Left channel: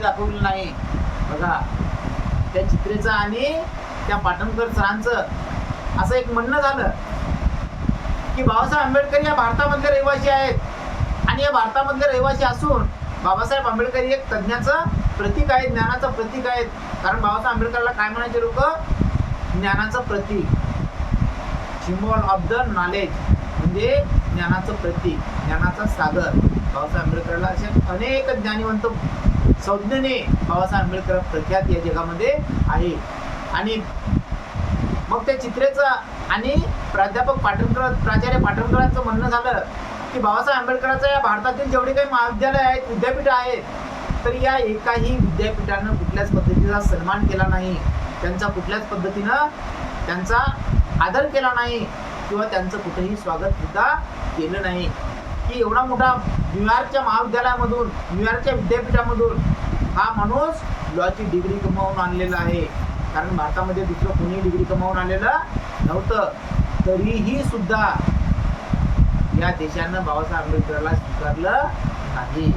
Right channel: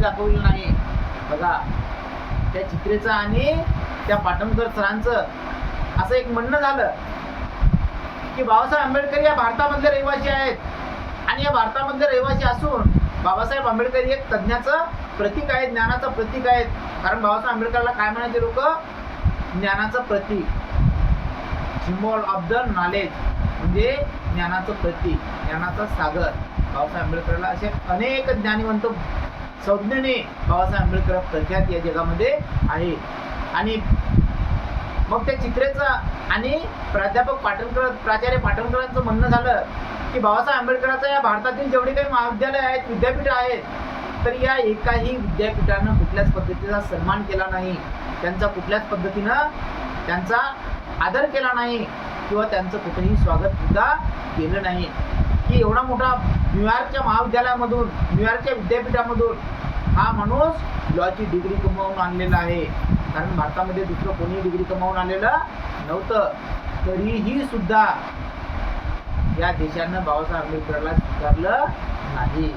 दाखवलेलं नाही. बघा त्या चित्रेचं आणि त्या पाटणकर सरांचं असं एक म्हणणं झालं की बाबासाहेब आंबेडकर या भारतामधले रहिवासी आहेत आणि या भारतामधले रहिवासी असून बाबासाहेब आंबेडकर एक तज्ञाचं प्रतीक आहे, ज्ञानाचं प्रतीक आहेत. कारण बाबासाहेब आंबेडकरला काय म्हणायचे लोक? ज्ञानाचं प्रतीक, सिम्बॉल ऑफ द नॉलेज, म्हणजे ज्ञानाचं प्रतीक, ज्ञानाचा सागर. बाबासाहेब आंबेडकरला असे अनेक ज्ञानीवंत संज्ञेने बाबासाहेब आंबेडकर प्रख्यात या जगामध्ये आहे. आणि मग त्या चित्रेचं आणि प्राचार्य पाटणकरांचं म्हणणं झालं की बाबासाहेब आंबेडकरांचं या भारतातील जेवढे काही महाविद्यालय आहेत, विद्यापीठ आहेत, तर या एकाही विद्यापीठानं कुठल्याच पद्धतीचा सन्मान केला नाही, त्यांचा कुठल्याच पद्धतीनं त्यांचा आदर केला नाही किंवा त्यांचं कुठेही स्वागत सुद्धा केलं नाही. की एवढा मोठा न्यूयॉर्कच्या महाविद्यालयामधून, न्यूयॉर्कच्या विद्यापीठामधून हा माणूस लॉची डिग्री कमावून आणलेला आहे. कारण भारतामध्ये दुसरं कोणी डिग्री कमावून आलेलं नव्हतं. तरीही सुद्धा या देशानं बाबासाहेब आंबेडकरला स्वीकारलं नाही.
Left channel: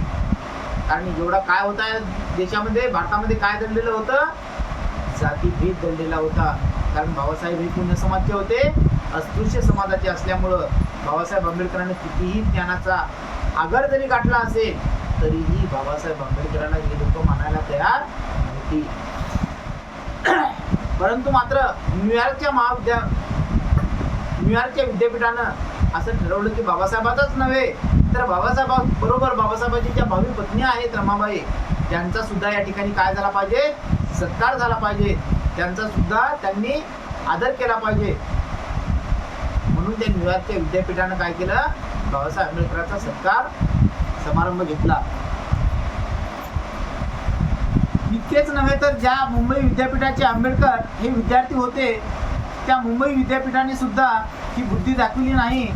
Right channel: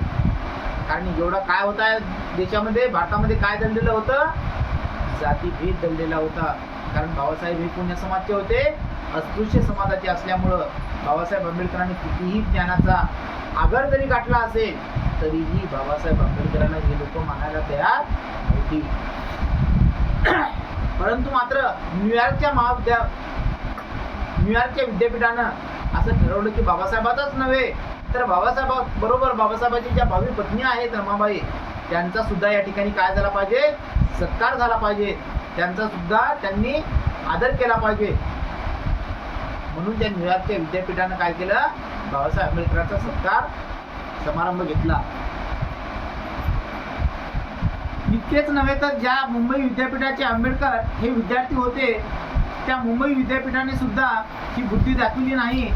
कारण एवढा काय होता या देशामध्ये, भारतामध्ये काय दडलेलं होतं? जातीभेद दडलेला होता. कारण बाबासाहेब हे पुण्य समाजचे होते, अस्पृश्य समाजाचे असल्यामुळं बाबासाहेब आंबेडकरांनी कितीही ज्ञानाचा आगर जरी गाठला असेल तरीही बाबासाहेब आंबेडकरांना हे लोक मानायला तयार होती. परंतु मात्र न्यूयॉर्कच्या विद्यापीठानं असं ठरवलं की बाबासाहेबांचाच नव्हे तर बरोबर बाबासाहेबांची ज्या भावी पत्नी आहेत रमाबाई, त्यांचा सुद्धा या ठिकाणी काय झाला पाहिजे? सत्कार झाला पाहिजे, त्यांचा सुद्धा त्यांनी आदर केला पाहिजे. म्हणून त्या न्यूयॉर्कच्या विद्यापीठानं काय केलं? बाबासाहेब आंबेडकरांचा सत्कार समारंभ घेतला. इतकेच नव्हे तर ज्या मुंबई विद्यापीठाचे आंबेडकर हे विद्यार्थी होते, त्या मुंबई विद्यापीठाने सुद्धा ही बुद्धी दाखवली नाही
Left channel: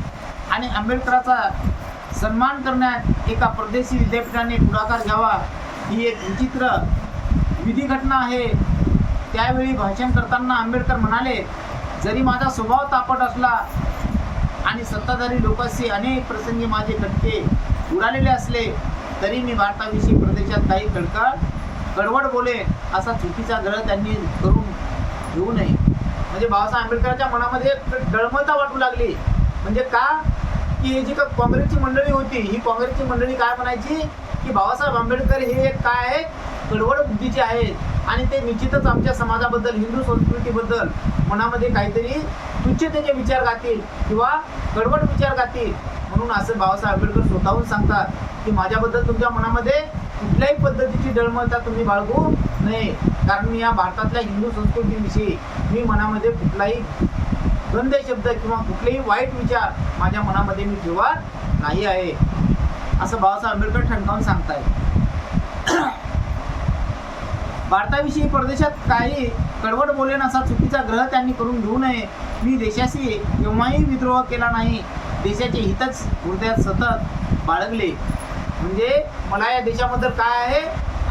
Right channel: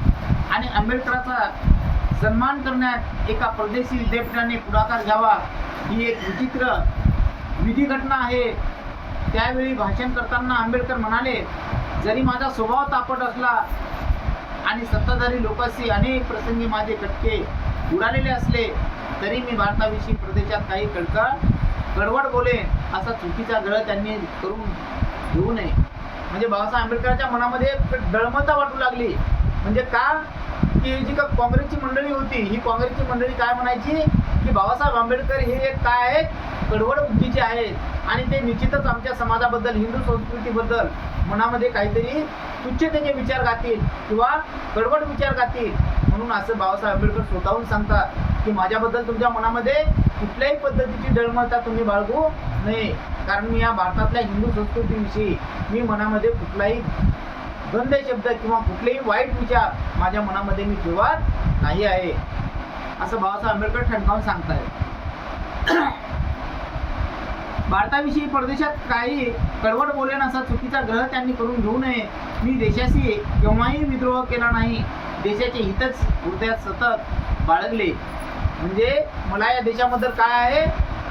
आणि आंबेडकराचा सन्मान करण्यात एका परदेशी विद्यापीठाने पुढाकार घ्यावा, ही एक विचित्र विधी घटना आहे. त्यावेळी भाषण करताना आंबेडकर म्हणाले, जरी माझा स्वभाव तापट असला आणि सत्ताधारी लोकांशी अनेक प्रसंगी माझे खटके उडालेले असले तरी मी भारताविषयी प्रदेशात काही कडवड बोलेन, असा चुकीचा ग्रह त्यांनी करून घेऊ नये. म्हणजे बाबासाहेब आंबेडकरांच्या मनामध्ये डळमळता वाटू लागली. म्हणजे का? की ही जी का काँग्रेसची मंडळी होती, ही काँग्रेसची मंडळी काय म्हणायची की बाबासाहेब आंबेडकर हे एक काय आहेत? कडवड बुद्धीचे आहेत आणि ते निश्चितच आमच्या समाजाबद्दल, हिंदू संस्कृतीबद्दल मनामध्ये काहीतरी तुच्छतेचे विचार गातील किंवा कडवड विचार गातील. म्हणून असं बाबासाहेब आंबेडकर स्वतःहून सांगतात की माझ्याबद्दल तुमच्या मनामध्ये कुठल्याही पद्धतीची डळमळता तुम्ही बाळगू नये. कारण मी या भारतातल्या हिंदू संस्कृतीविषयी मी मनामध्ये कुठलाही गंदे शब्द किंवा कुठलेही वाईट विचार माझ्या मनामध्ये मी ठेवत नाही आहे, असं बाबासाहेब आंबेडकर ठणकावून सांगतायत. भारताविषयी परदेशात काही कडवड बोलेन असा चुकीचा ग्रह त्यांनी करून घेऊ नये. मी देशाशी केव्हाही विद्रोह केला नाही, देशाचे हितच हृदयात सतत बाळगले. म्हणजे मला या देशाबद्दल काय आहे?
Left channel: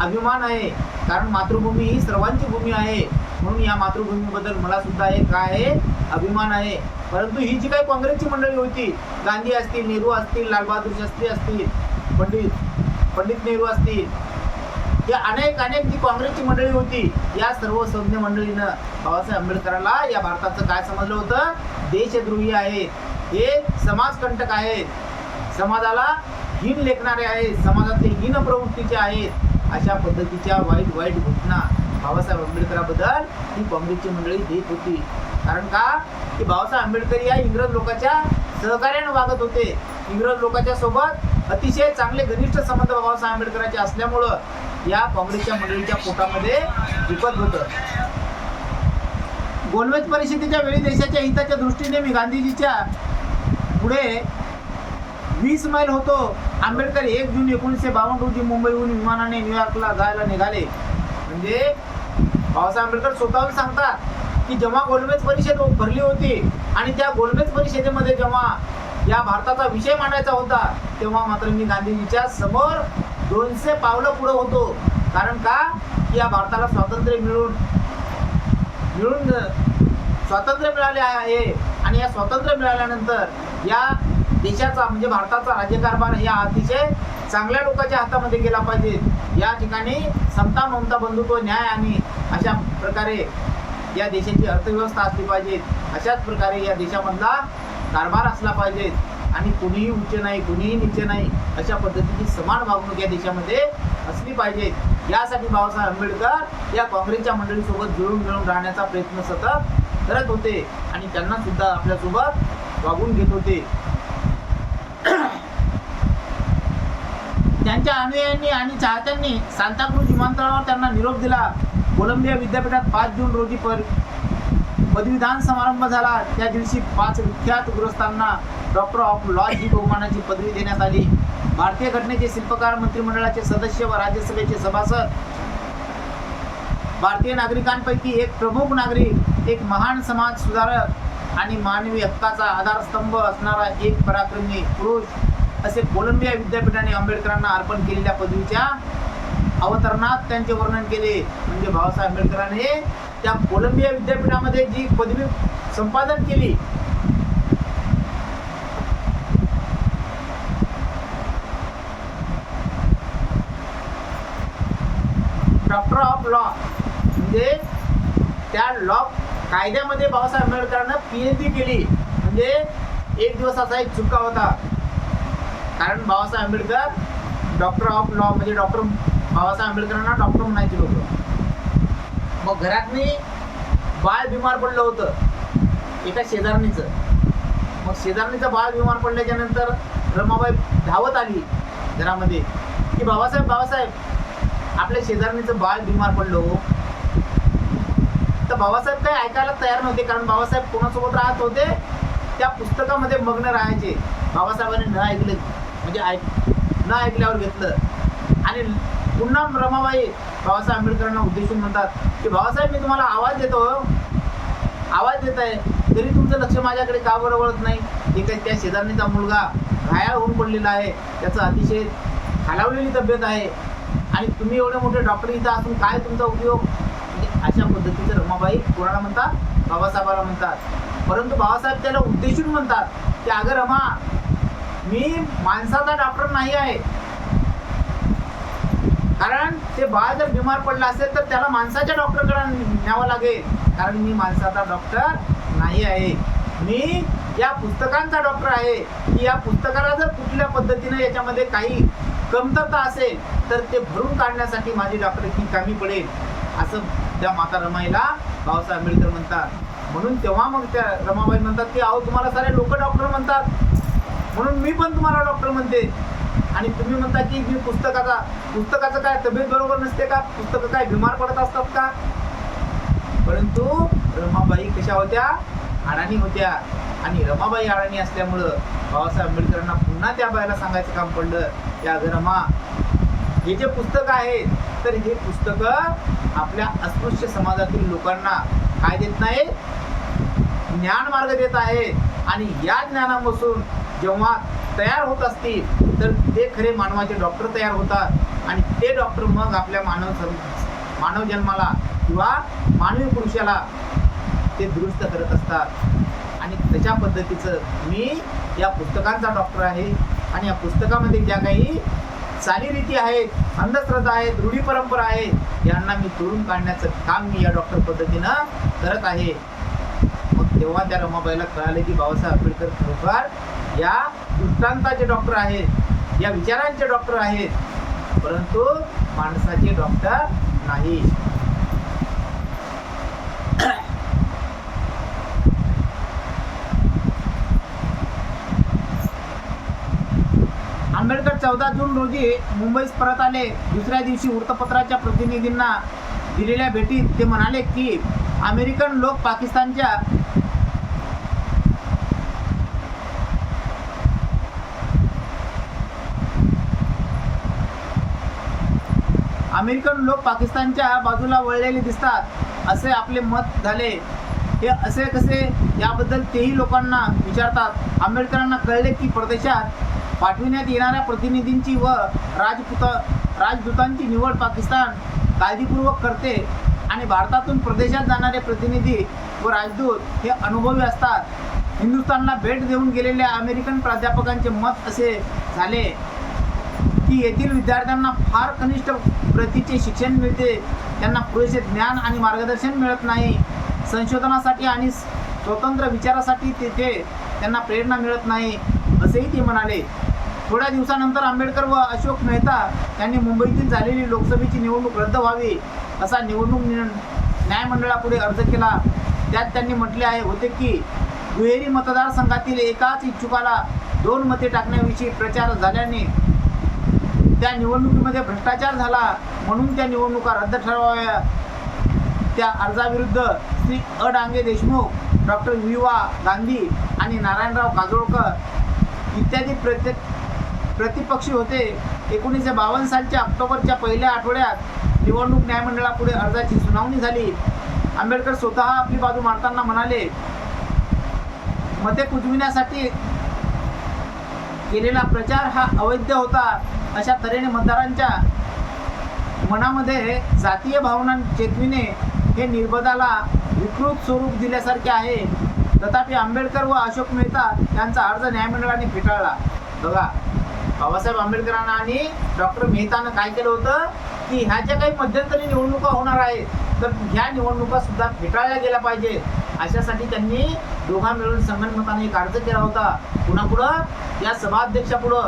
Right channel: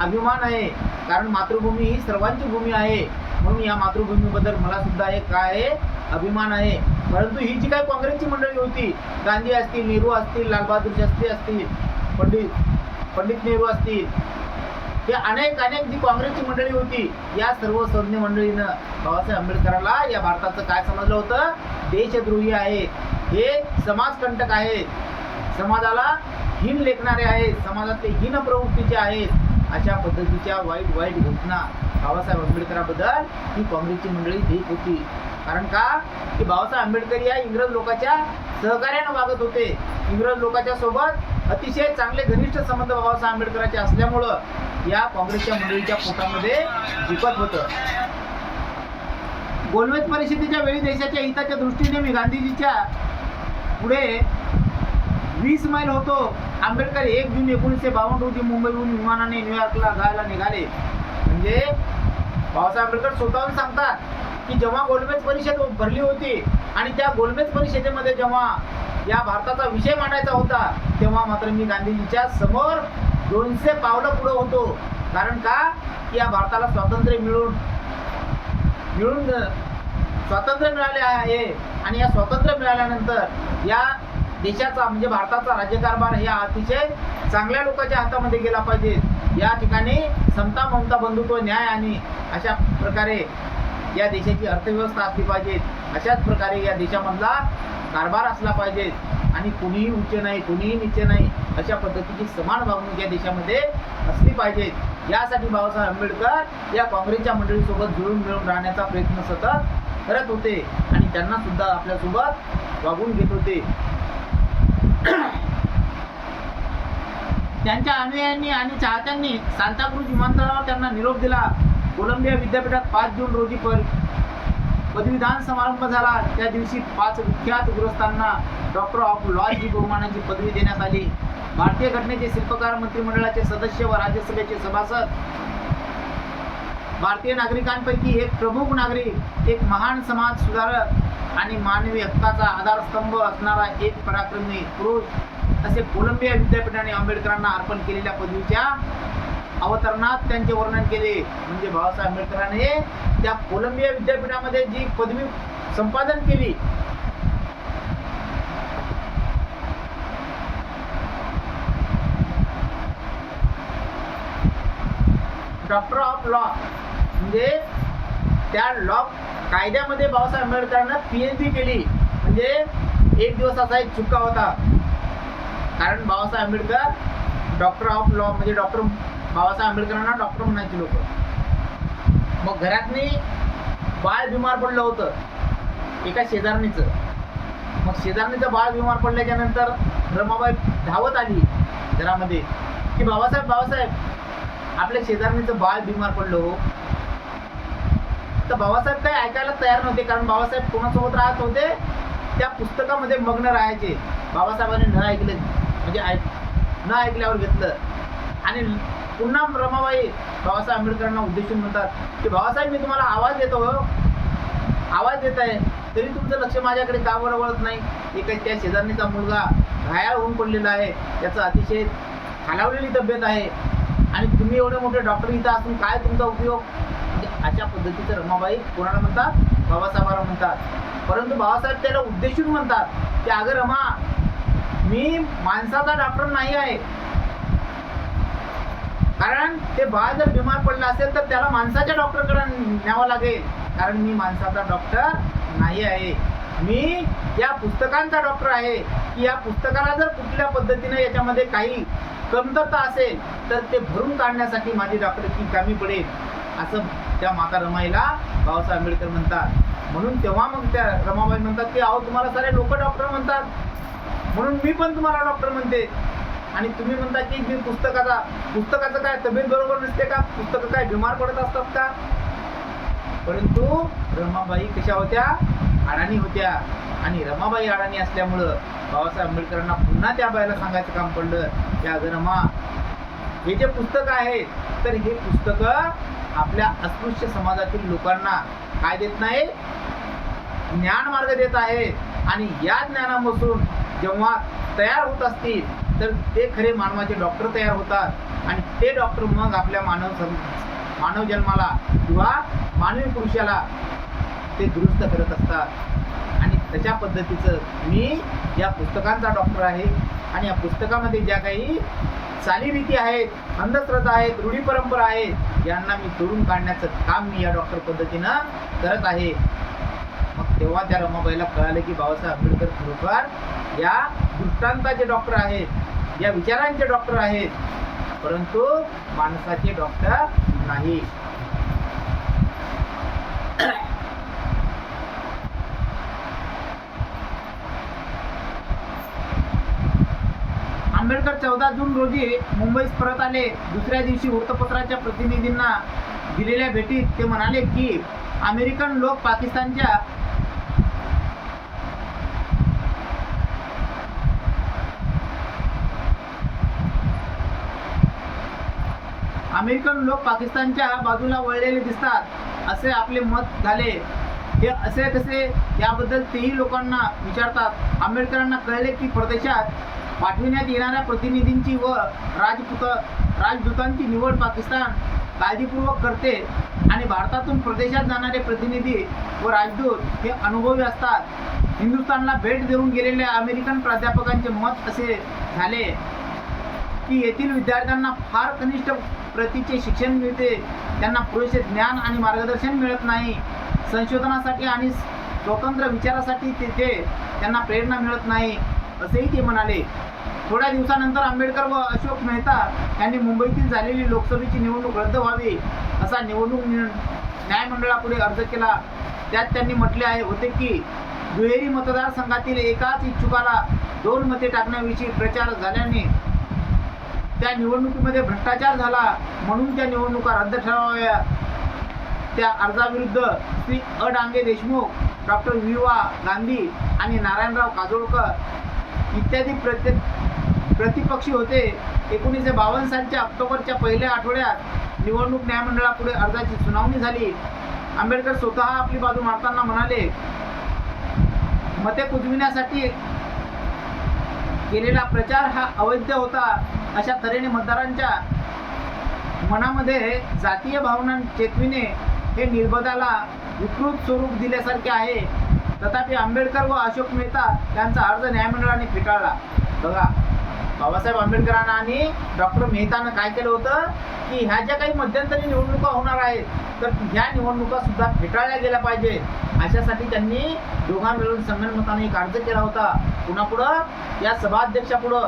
अभिमान आहे. कारण मातृभूमी ही सर्वांची भूमी आहे, म्हणून या मातृभूमीबद्दल मला सुद्धा एक काय आहे? अभिमान आहे. परंतु ही जी काही काँग्रेसची मंडळी होती, गांधी असतील, नेहरू असतील, लालबहादूर शास्त्री असतील, पंडित नेहरू असतील, हे अनेक जी काँग्रेसची मंडळी होती, या सर्व संज्ञ मंडळीनं बाबासाहेब आंबेडकरांना या भारताचं काय समजलं होतं? देशद्रोही आहेत, हे समाजकंटक आहेत, समाजाला हीन लेखणारे आहेत, समाजातले हीन प्रवृत्तीचे आहेत, अशा पद्धतीच्या वाईट घोषणा बाबासाहेब आंबेडकरांबद्दल ही काँग्रेसची मंडळी देत होती. कारण का? की बाबासाहेब आंबेडकर या इंग्रज लोकांच्या सहकार्यानं वागत होते. इंग्रज लोकांच्या सोबत अतिशय चांगले घनिष्ठ संबंध बाबासाहेब आंबेडकरांचे असल्यामुळं या काँग्रेसच्या मंडळीच्या पोटामध्ये दुखत होतं. गोलमेज परिषदेच्या वेळी देशाच्या हिताच्या दृष्टीने मी गांधीजीच्या पुढे 20 मैल होतो. आंबेडकर 1 जून 1952 रोजी मुंबईहून विमानाने न्यूयॉर्कला जायला निघाले. म्हणजे बाबासाहेब आंबेडकर स्वतःहून सांगतात की जेव्हा गोलमेज परिषद भरली होती आणि त्या गोलमेज परिषदेमध्ये जेव्हा या भारताचा विषय मांडायचा होता, तेव्हा मात्र मी गांधीजीच्या समोर 200 पावलं पुढे होतो. कारण का? की या भारताला स्वातंत्र्य मिळून स्वातंत्र्य मिळाले आहे आणि या स्वातंत्र्य मिळाल्यानंतर या देशाचा म्हणजे भारताचा राज्यकारभार हे अतिशय चांगल्या लोकांच्या हातामध्ये गेला पाहिजे. या ठिकाणी समता, ममता, बंधुत्व, न्याय आणि अशा प्रकारे या देशाची अर्थव्यवस्था असली पाहिजे. अशाच प्रकारे या देशामधला कारभार असला पाहिजे आणि कुणीही उच्च नाही, कुणीही नीच नाही, अशा पद्धतीची समान वागणूक या देशामध्ये असली पाहिजे. यासाठी बाबासाहेब आंबेडकर या काँग्रेसच्या मंडळीसोबत जुळून मिळून राहण्याचा प्रयत्न सतत करत होते आणि त्यांना सुद्धा आपल्यासोबत वागून घेत होते. त्यांच्या अनुयायांनी आणि चाहत्यांनी सांताक्रूज विमानतळावर त्यांना निरोप दिला. कोलंबिया विद्यापीठात 5 जून रोजी पदवीदान समारंभ झाला. त्या दिवशी 5 विख्यात गृहस्थांना डॉक्टर ऑफ लॉ ही बहुमानाची पदवी देण्यात आली. भारतीय घटनेचे शिल्पकार, मंत्रिमंडळाचे सदस्य व राज्यसभेचे सभासद, भारतीय नागरिकांपैकी एक प्रमुख नागरिक, एक महान समाज सुधारक आणि मानवी हक्काचा आधारस्तंभ असणारा एक पराक्रमी पुरुष असे कोलंबिया विद्यापीठाने आंबेडकरांना अर्पण केलेल्या पदवीच्या अवतरणात त्यांचे वर्णन केले. म्हणजे बाबासाहेब आंबेडकरांनी त्या कोलंबिया विद्यापीठामध्ये जी पदवी संपादन केली, डॉक्टर ऑफ लॉ, म्हणजे त्या लॉ कायद्यामध्ये बाबासाहेब आंबेडकरांना PhD केली. म्हणजे एक दिवस असा एक चुका होता, कारण Babasaheb Ambedkar doctor of law म्हणजे डॉक्टर बाबासाहेब आंबेडकरांना डॉक्टर म्हणायचे लोक. मग घरातनी बाळ बिमार पडलं होतं एका शेजारणीचं. मग शेजारणीचं बाळ बिमार पडल्याच्या नंतर रमाबाई धावत आली घरामध्ये की बाबासाहेब आपल्या शेजारणीचं बाळ बिमार पडलं. तर बाबासाहेब काही ऐकायला तयार नव्हते, कारण बाबासाहेब कोणासोबत राहत होते, त्या पुस्तकामध्ये मग्न राहायचे. बाबासाहेबांनी न ऐकलं म्हणजे न ऐकल्यावर घेतलं आणि पुन्हा रमाबाई बाबासाहेब आंबेडकरांना उद्देशून म्हणतात की बाबासाहेब, मी तुम्हाला आवाज देतो, आवाज देत आहे, तरी तुमचं लक्ष माझ्याकडे का बरं वळत नाही. एक त्या शेजारणीचा मुलगा घायाळ होऊन पडलेला आहे, त्याचं अतिशय खालावलेली तब्येत आहे आणि तुम्ही एवढे मोठे डॉक्टर इथं असून काय तुमचा उपयोग. म्हणजे अशा पद्धतीचं रमाबाई कोणाला म्हणतात, बाबासाहेबाला म्हणतात. परंतु बाबासाहेब त्याला उद्देशून म्हणतात की अगं रमा, मी माणसाचा डॉक्टर नाही आहे, कारण ते बाळ जर बिमार पडलं असेल तर त्याला माणसाच्या डॉक्टरकडे न्यावं लागेल, कारण मी माणसाचा डॉक्टर नाही आहे. मी या पुस्तकांचा डॉक्टर आहे की या पुस्तकाला जर कुठल्या पद्धतीने याच्यामध्ये काही कमतरता असेल तर ते भरून काढण्यासाठी माझी डॉक्टरकी कामी पडेल, असं त्या माता रमाईला बाबासाहेब आंबेडकर म्हणतात. म्हणून तेव्हा मग त्या रमाबाई म्हणतात की अहो, तुम्हाला सारे लोक डॉक्टर म्हणतात, म्हणून मी पण तुम्हाला डॉक्टर म्हणते. आणि तुम्ही म्हणता की मी पुस्तकाचं काय तब्येत बरोबर नसते का, पुस्तकं काय बिमार पडत असतात का. परंतु रमाबाई कशा होत्या, अडाणी होत्या. आणि रमाबाई अडाणी असल्यामुळं बाबासाहेब आंबेडकरांना पुन्हा त्या बाईला सांगायचं काम पडलं की अगं रमा, हे जे पुस्तक आहे तर हे पुस्तकं आपल्या अस्पृश्य समाजातील लोकांना काय देत नाही, ज्ञान मार्ग देत आहे. आणि या ज्ञानापासून जेव्हा तयार होत असतील तर ते खरे मानवाचे डॉक्टर तयार होतात आणि ते डॉक्टर मग आपल्या मानव जन्माला किंवा मानवी पुरुषाला ते दुरुस्त करत असतात. आणि त्याच्या पद्धतीचं मी या पुस्तकांचा डॉक्टर आहे आणि या पुस्तकामध्ये ज्या काही चालीरीती आहेत, अंधश्रद्धा आहेत, रूढी परंपरा आहेत, यांना मी तोडून काढण्याचं काम मी या डॉक्टर पद्धतीनं करत आहे. मग तेव्हा त्या रमाबाईला कळालं की बाबासाहेब आंबेडकर खरोखर या दृष्टांताचे डॉक्टर आहेत, या विचारांचे डॉक्टर आहेत, परंतु माणसाचे डॉक्टर नाही. आंबेडकर 14 जून रोजी मुंबईस परत आले. दुसऱ्या दिवशी वृत्तपत्राच्या प्रतिनिधींना दिलेल्या भेटीत ते म्हणाले की अमेरिकन लोक पाकिस्तानच्या बाजूला वळलेले दिसतात असे आपले मत झाले. हे असे कसे याबद्दल तेही लोकांना विचारतात. आंबेडकरांना कळले की परदेशात पाठविण्यात येणाऱ्या प्रतिनिधींची व राजदूतांची निवड पाकिस्तान काळजीपूर्वक करते आणि भारतातून प्रदेशात जाणारे प्रतिनिधी व राजदूत हे अनुभवी असतात. हिंदुस्थानला भेट देऊन गेलेल्या अमेरिकन प्राध्यापकांचे मत असे झाले की येथील विद्यार्थ्यांना फार कनिष्ठ प्रतीचे शिक्षण मिळते, त्यांना पुरेसे ज्ञान आणि मार्गदर्शन मिळत नाही, संशोधनासाठी आणि स्वतंत्र विचारासाठी तेथे त्यांना प्रेरणा मिळत नाही, असेही ते म्हणाले. थोड्या दिवसानंतर आंबेडकर व अशोक मेहता यांनी मुंबईतील झालेली लोकसभेची निवडणूक रद्द व्हावी असा निवडणूक न्यायमंडळापुढे अर्ज केला. त्यात त्यांनी म्हटले होते की दुहेरी मतदारसंघातील एकाच इच्छुकाला 2 मते टाकण्याविषयी प्रचार झाल्याने त्या निवडणुकीमध्ये भ्रष्टाचार झाला, म्हणून त्या निवडणुका रद्द ठरवाव्या. त्या अर्जाविरुद्ध श्री अ डांगे देशमुख, डॉक्टर वि.वा. गांधी आणि नारायणराव काजोळकर इत्यादी प्रतिपक्षी होते. 1952 सालच्या ऑक्टोबरच्या पहिल्या आठवड्यात निवडणूक न्यायमंडळापुढे अर्जाची सुनावणी झाली. आंबेडकर स्वतः आपली बाजू मांडताना म्हणाले, मते कुजविण्यासाठी केलेला प्रचार हा अवैध होता. अशा तऱ्हेने मतदारांच्या मनामध्ये जातीय भावना चेतविणे हे निर्बंधाला विकृत स्वरूप दिल्यासारखे आहे. तथापि आंबेडकर व अशोक मेहता यांचा अर्ज न्यायमंडळाने फेटाळला. बघा, बाबासाहेब आंबेडकरांना आणि डॉक्टर मेहतानं काय केलं होतं की ह्या ज्या काही मध्यंतरी निवडणुका होणार आहेत तर ह्या निवडणुका सुद्धा फेटाळल्या गेल्या पाहिजे, अशासाठी त्यांनी दोघा मिळून संगनमताने एक अर्ज केला होता. पुन्हा या सभाध्यक्षापुढं.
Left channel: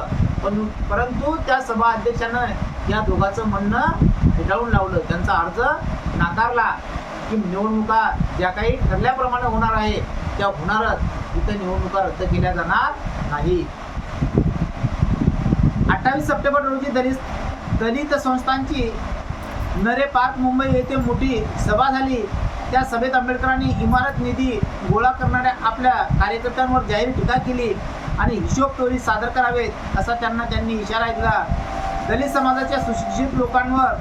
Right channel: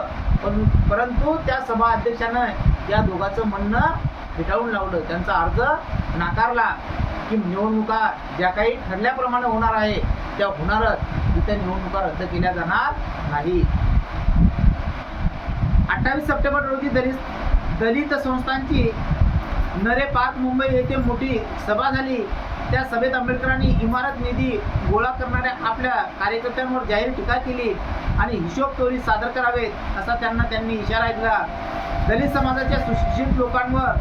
परंतु त्या सभाध्यक्षानं या दोघांचं म्हणणं फेटाळून लावलं. त्यांचा अर्ज नाकारला की निवडणुका ज्या काही ठरल्याप्रमाणे होणार आहे त्या होणारच, तिथे निवडणुका रद्द केल्या जाणार नाही. 28 सप्टेंबर रोजी दलित संस्थांची नरे पार्क मुंबई येथे मोठी सभा झाली. त्या सभेत आंबेडकरांनी इमारत निधी गोळा करणाऱ्या आपल्या कार्यकर्त्यांवर जाहीर टीका केली आणि हिशोब तोरी सादर करावेत असा त्यांनी इशारा दिला. दलित समाजाच्या सुशिक्षित लोकांवर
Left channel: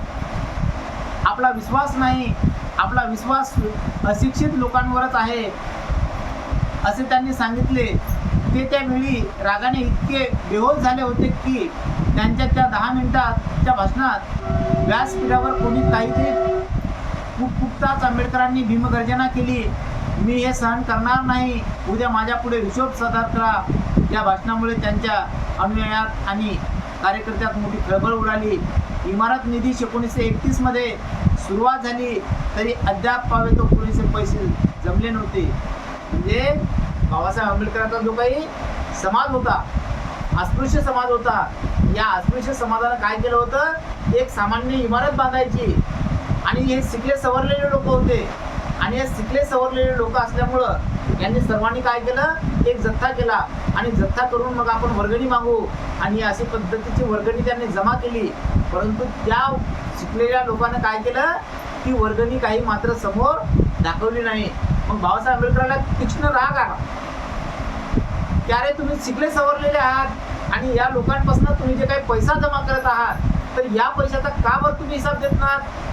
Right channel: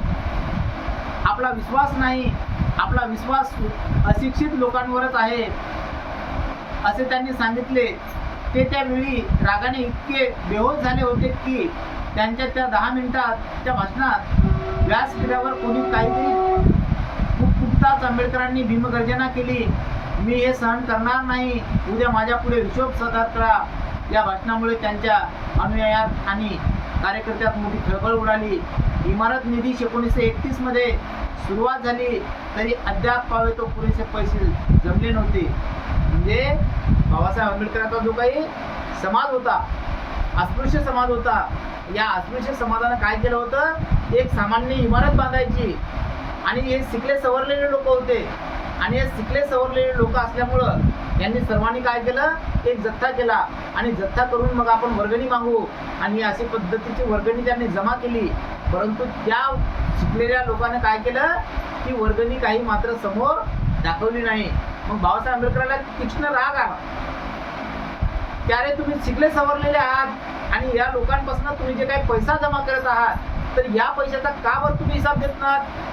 आपला विश्वास नाही, आपला विश्वास अशिक्षित लोकांवरच आहे असे त्यांनी सांगितले. ते त्यावेळी रागाने इतके बेहोश झाले होते की त्यांच्या त्या 10 मिनिटाच्या भाषणात व्यासपीठावर कोणी काहीतरी पुटताच आंबेडकरांनी भीमगर्जना केली. मी हे सहन करणार नाही, उद्या माझ्या पुढे हिशोब सादर करा. या भाषणामुळे त्यांच्या अनुयायात आणि कार्यकर्त्यात मोठी खळबळ उडाली. इमारत निधी 1931 मध्ये सुरुवात झाली तरी अद्याप पावे तो पुरेसे पैसे जमले नव्हते. म्हणजे बाबासाहेब आंबेडकरांचा जो काही समाज होता, अस्पृश्य समाज होता, या अस्पृश्य समाजानं काय केलं होतं, एक सामान्य इमारत बांधायची आणि हे शिकले सवरलेले लोक होते आणि हे शिकले सवरलेले लोक असल्यामुळं यांनी सर्वांनी काय केलं, एक जथ्था केला आणि जथ्था करून मग आपण वर्गणी मागू आणि अशी पद्धतीची वर्गणी त्यांनी जमा केली. परंतु त्या शिकलेल्या लोकांनी काय केलं की वर्गणी काही मात्र समोर दाखवली नाही. मग बाबासाहेब आंबेडकरांना तीक्ष्ण राग आला, त्यारे तुम्ही शिकले सवरलेले आहात आणि या लोकांपासून तुम्ही जे काही पैसा जमा करत आहात तर या पैशाचा का बरं तुम्ही हिसाब देत नाहीत?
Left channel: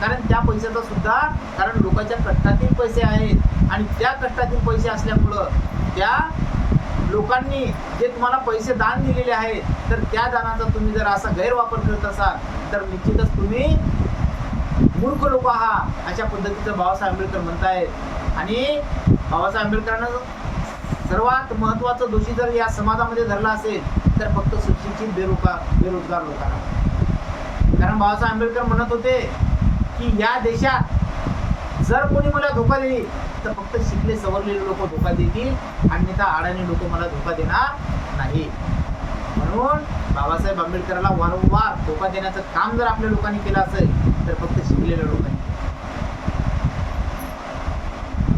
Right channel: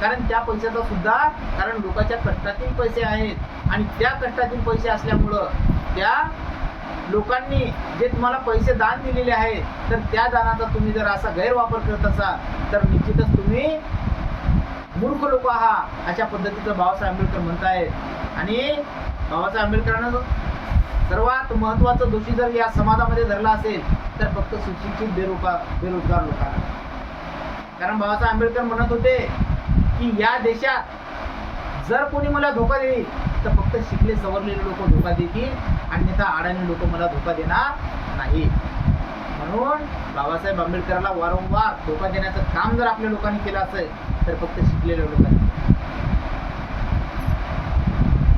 कारण त्या पैशाचा सुद्धा, कारण लोकांच्या कष्टातील पैसे आहेत आणि त्या कष्टातील पैसे असल्यामुळं त्या लोकांनी जे तुम्हाला पैसे दान दिलेले आहेत तर त्या दानाचा तुम्ही जर असा गैरवापर करत असाल तर निश्चितच तुम्ही मूर्ख लोक आहात, अशा पद्धतीचं बाबासाहेब आंबेडकर म्हणतायत. आणि बाबासाहेब आंबेडकरांना सर्वात महत्त्वाचं दोषी जर या समाजामध्ये धरला असेल तर फक्त सुशिक्षित बेरोजगार लोकांना. कारण बाबासाहेब आंबेडकर म्हणत होते की या देशात जर कोणी मला धोका देईल तर फक्त शिकले सवरलेले लोक धोका देतील, अन्यथा अडाणी लोक मला धोका देणार नाही. म्हणून बाबासाहेब आंबेडकरांना वारंवार धोका देण्याचं काम जर आपल्या लोकांनी केलं असेल तर फक्त शिकलेल्या लोकांनी.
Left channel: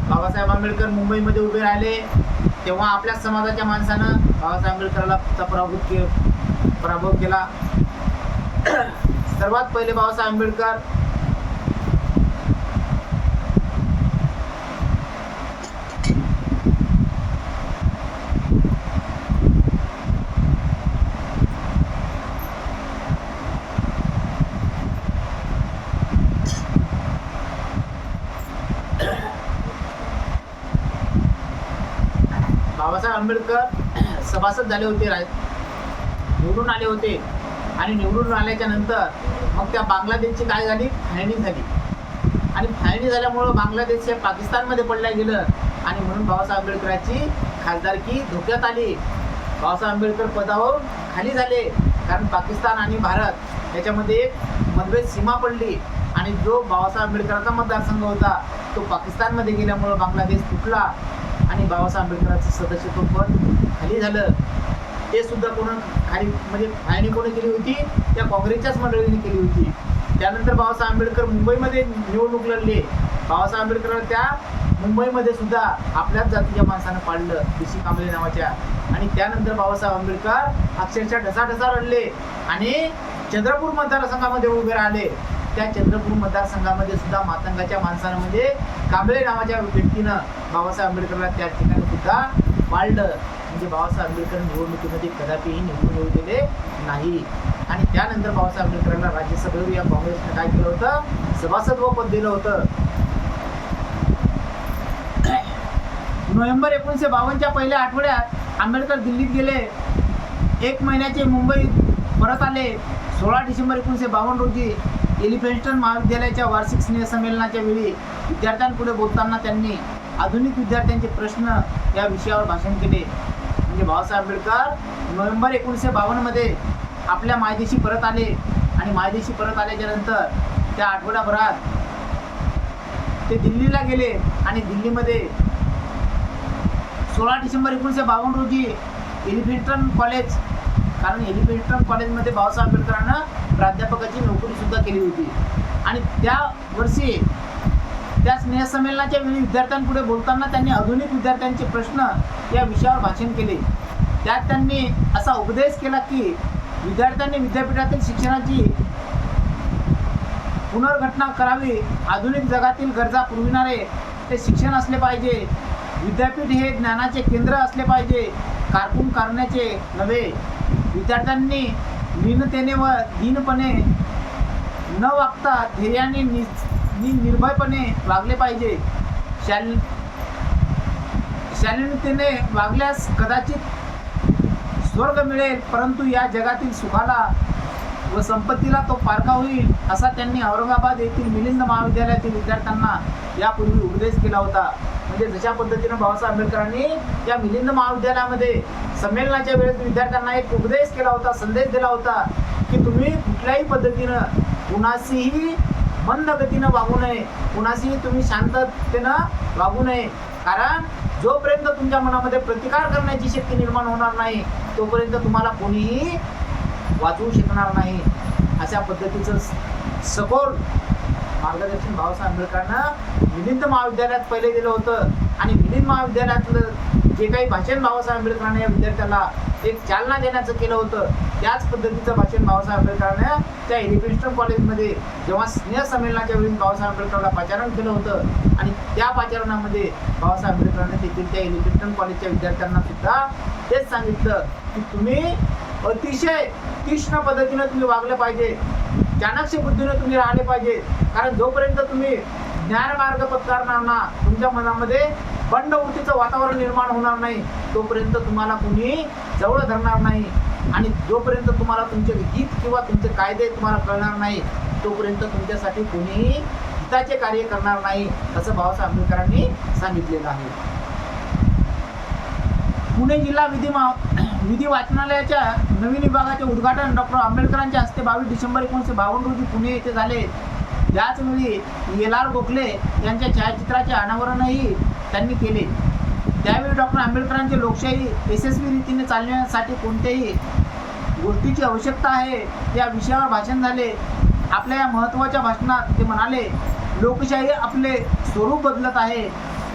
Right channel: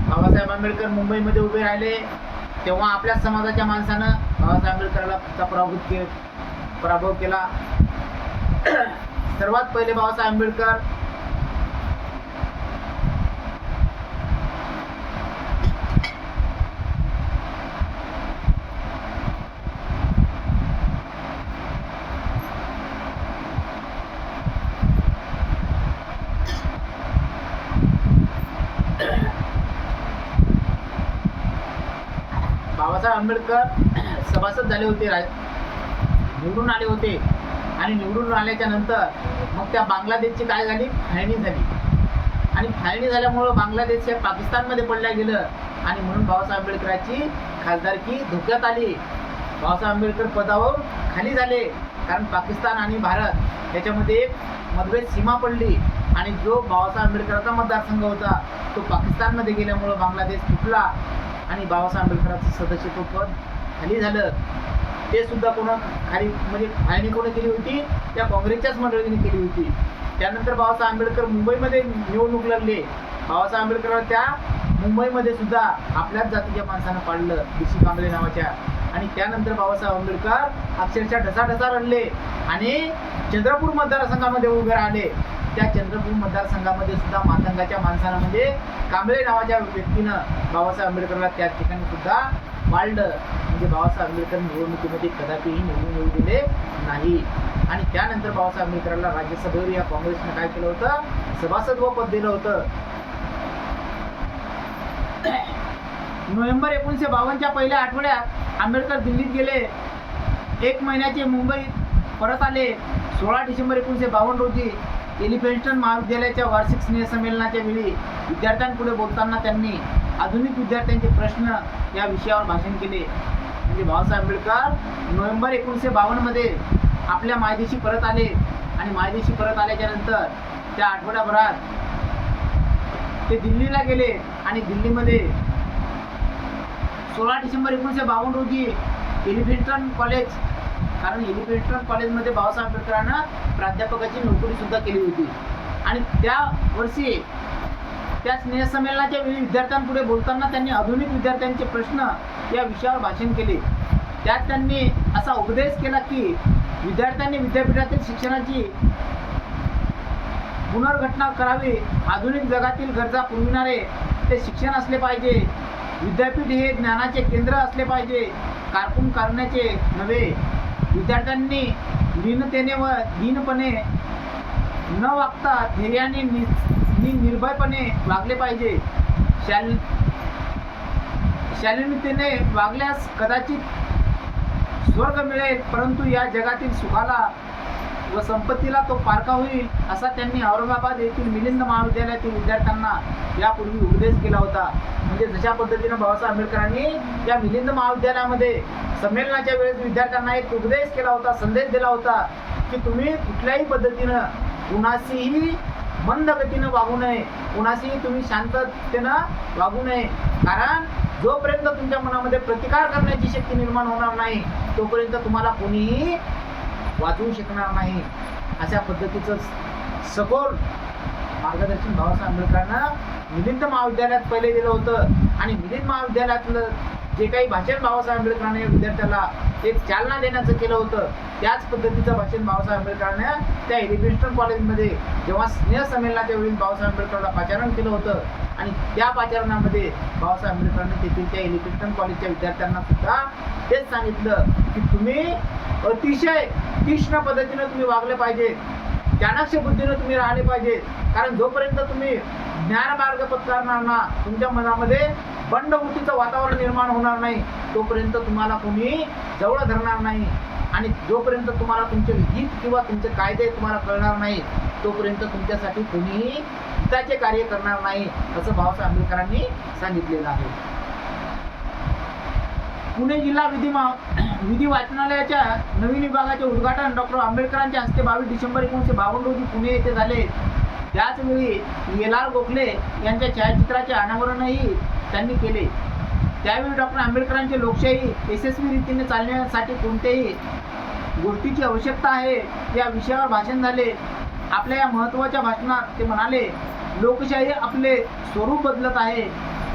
बाबासाहेब आंबेडकर मुंबईमध्ये उभे राहिले तेव्हा आपल्या समाजाच्या माणसानं बाबासाहेब आंबेडकरांचा पराभव केला. सर्वात पहिले बाबासाहेब आंबेडकर बाबासाहेब आंबेडकर सभासद झाले होते, निवडून आले होते आणि निवडून आल्याच्या नंतर मग त्या बांगलादेशची काय झाली, फाळणी झाली आणि फाळणी झाल्यामुळं बांगलादेश हे पाकिस्तानमध्ये पडल्या गेलं आणि म्हणून बाबासाहेब आंबेडकरांची खासदारकी धोक्यात आली. बाबासाहेब आंबेडकर पदावरून खाली झाले, कारण पाकिस्तान आणि भारत याच्यामध्ये एक मतभेद सीमा पडली आणि जो बाबासाहेब आंबेडकरांचा मतदारसंघ होता तो पाकिस्तानमध्ये गेल्यामुळं बांगलादेश तुटला आणि बाबासाहेब आंबेडकरांचं सदस्यत्व पद खाली झालं. ते सुद्धा खाली म्हणजे फाळणी कोणी केली होती? त्या काँग्रेसच्याच मंडळीने केली होती. त्यानंतर बाबासाहेब आंबेडकर मुंबईमध्ये निवडणूक लढले. बाबासाहेब आंबेडकर त्या मुंबईमध्ये सुद्धा आपल्याच जातीच्या माणसानं पाडलं, BC कांबळे नावाच्या. आणि त्यानंतर बाबासाहेब आंबेडकर अक्षरशः ढसाढसा रडले आणि चंद्रपूर मतदारसंघामध्ये उभे राहिले. त्या चंद्रपूर मतदारसंघामध्ये सुद्धा मातंगाच्या माणसानं म्हणजे कांबळे नावाच्या व्यक्तीनं बाबासाहेब आंबेडकरला त्या ठिकाणी सुद्धा पाळलं. म्हणजे बाबासाहेब आंबेडकर निवडणुकीमध्ये कदापिही निवडून येऊ दिले नाही. आणि त्यानंतर बाबासाहेब आंबेडकरांना राज्यसभेवर या काँग्रेसने काय केलं होतं? सभासदत्व पद दिलं होतं. नोव्हेंबर 1952च्या पहिल्या आठवड्यात आंबेडकर दिल्लीत गेले. 1 महिन्याचे मुंबईत परत आले. 16 डिसेंबर 1952 रोजी एलिफंटस्टन महाविद्यालयाच्या वार्षिक स्नेहसंमेलनाच्या वेळी विद्यार्थ्यांपुढे बोलताना त्यांनी आधुनिक विद्यार्थ्यांचे प्रश्न या विषयावर भाषण केले. म्हणजे बाबासाहेब आंबेडकर नोव्हेंबर 1952मध्ये आपल्या मायदेशी परत आले आणि मायदेशी परत आल्याच्या नंतर त्या आठवड्याभरात ते दिल्लीला गेले आणि दिल्लीमध्ये 16 डिसेंबर 1952 रोजी एलिफंटस्टन कॉलेज, कारण एलिफंटस्टन कॉलेजमध्ये बाबासाहेब आंबेडकरांना प्राध्यापकाची नोकरी सुद्धा केली होती. आणि त्या वर्षी त्या स्नेहसंमेलनाच्या वेळी विद्यार्थ्यांपुढे बोलताना त्यांनी आधुनिक विद्यार्थ्यांचे प्रश्न या विषयावर भाषण केले. त्यात त्यांनी असा उपदेश केला की विद्यार्थ्यांनी विद्यापीठातील शिक्षणाची पुनर्घटना करावी. आधुनिक जगातील गरजा पुरविणारे ते शिक्षण असले पाहिजे. विद्यापीठ हे ज्ञानाचे केंद्र असले पाहिजे, कारकून करण्याचे नव्हे. विद्यार्थ्यांनी लीनतेने व दीनपणे न वागता धैर्याने निर्भयपणे वागले पाहिजे. शालीनतेने वागल्यास कदाचित स्वर्ग मिळेल, परंतु या जगातील सुखाला व संपत्तीला तो पारखा होईल, असा त्यांनी औरंगाबाद येथील मिलिंद महाविद्यालयातील विद्यार्थ्यांना यापूर्वी उपदेश केला होता. म्हणजे जशा पद्धतीनं बाबासाहेब आंबेडकरांनी या मिलिंद महाविद्यालयामध्ये संमेलनाच्या वेळेस विद्यार्थ्यांना एक उपदेश केला होता, संदेश दिला होता की तुम्ही कुठल्याही पद्धतीनं कुणाशीही मंद गतीनं वागू नये, कुणाशीही तुम्ही शांततेनं वागू नये. कारण जोपर्यंत तुमच्या मनामध्ये प्रतिकार करण्याची शक्ती निर्माण होणार नाही तोपर्यंत तुम्हाला कोणीही वाचवू शकणार नाही. अशा पद्धतीचं सखोल मार्गदर्शन बाबासाहेब आंबेडकरांना मिलिंद महाविद्यालयात पहिले दिलं होतं. आणि मिलिंद महाविद्यालयातलं जे काही भाषण बाबासाहेब आंबेडकरांनी या विद्यार्थ्याला एक चालना देण्याचं केलं होतं, त्याच पद्धतीचं भाषण बाबासाहेब आंबेडकरांनी त्या एलिफंटस्टन कॉलेजमध्ये जेव्हा स्नेहसंमेलनाच्या वेळी बाबासाहेब आंबेडकरांना पाचारण केलं होतं आणि त्या पाचारणामध्ये बाबासाहेब आंबेडकरांनी तेथील त्या एलिफंटस्टन कॉलेजच्या विद्यार्थ्यांना सुद्धा तेच सांगितलं की तुम्ही अतिशय तीक्ष्ण पद्धतीनं तुम्ही वागले पाहिजे, चाणक्य बुद्धीनं तुम्ही राहिले पाहिजे. कारण जोपर्यंत तुम्ही ज्ञानमार्ग पत्करणार ना, तुमच्या मनामध्ये बंडवृत्तीचं वातावरण निर्माण होणार नाही तोपर्यंत तुम्हाला कोणी जवळ धरणार नाही. आणि जोपर्यंत तुम्हाला तुमचे हित किंवा तुमचे कायदे तुम्हाला कळणार नाही तोपर्यंत तुमच्यासाठी कोणीही हिताचे कार्य करणार नाही, असं बाबासाहेब आंबेडकरांनी सांगितलेलं आहे. पुणे जिल्हा विधी वाचनालयाच्या नवीन विभागाचे उद्घाटन डॉक्टर आंबेडकरांच्या हस्ते 22 डिसेंबर 1952 रोजी पुणे येथे झाले. त्याचवेळी LR गोखले यांच्या छायाचित्राचे अनावरणही त्यांनी केले. त्यावेळी डॉक्टर आंबेडकरांची लोकशाही यशस्वी रीतीने चालण्यासाठी कोणत्याही गोष्टीची आवश्यकता आहे या विषयावर भाषण झाले. आपल्या या महत्त्वाच्या भाषणात ते म्हणाले, लोकशाही आपले स्वरूप बदलत आहे.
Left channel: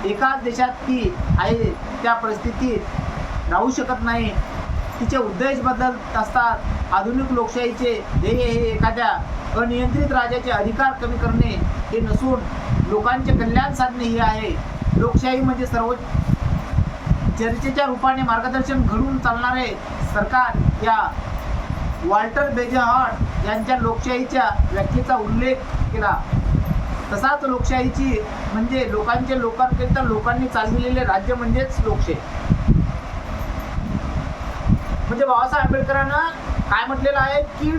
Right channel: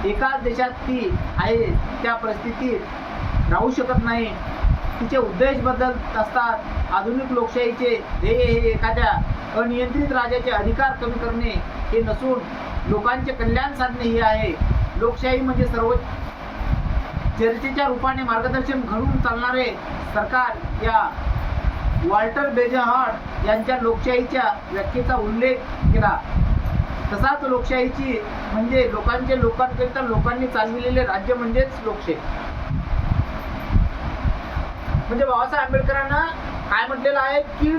एकाच देशात ती आहे त्या परिस्थितीत राहू शकत नाही. तिचे उद्देश बदलत असतात. आधुनिक लोकशाहीचे ध्येय हे एखाद्या अनियंत्रित राजाचे अधिकार कमी करणे हे नसून लोकांचे कल्याण साधणे हे आहे. लोकशाही म्हणजे सर्व चर्चेच्या रूपाने मार्गदर्शन घडवून चालणारे सरकार. या वॉल्टर बेजहार्ट यांच्या लोकशाहीच्या व्याख्येचा उल्लेख केला. तसाच लोकशाहीची म्हणजे लोकांचे लोकांकरिता लोकांनी चालविलेले राज्य म्हणजेच लोकशाही. म्हणजे बाबासाहेब आंबेडकरांना काय म्हटलेलं आहे की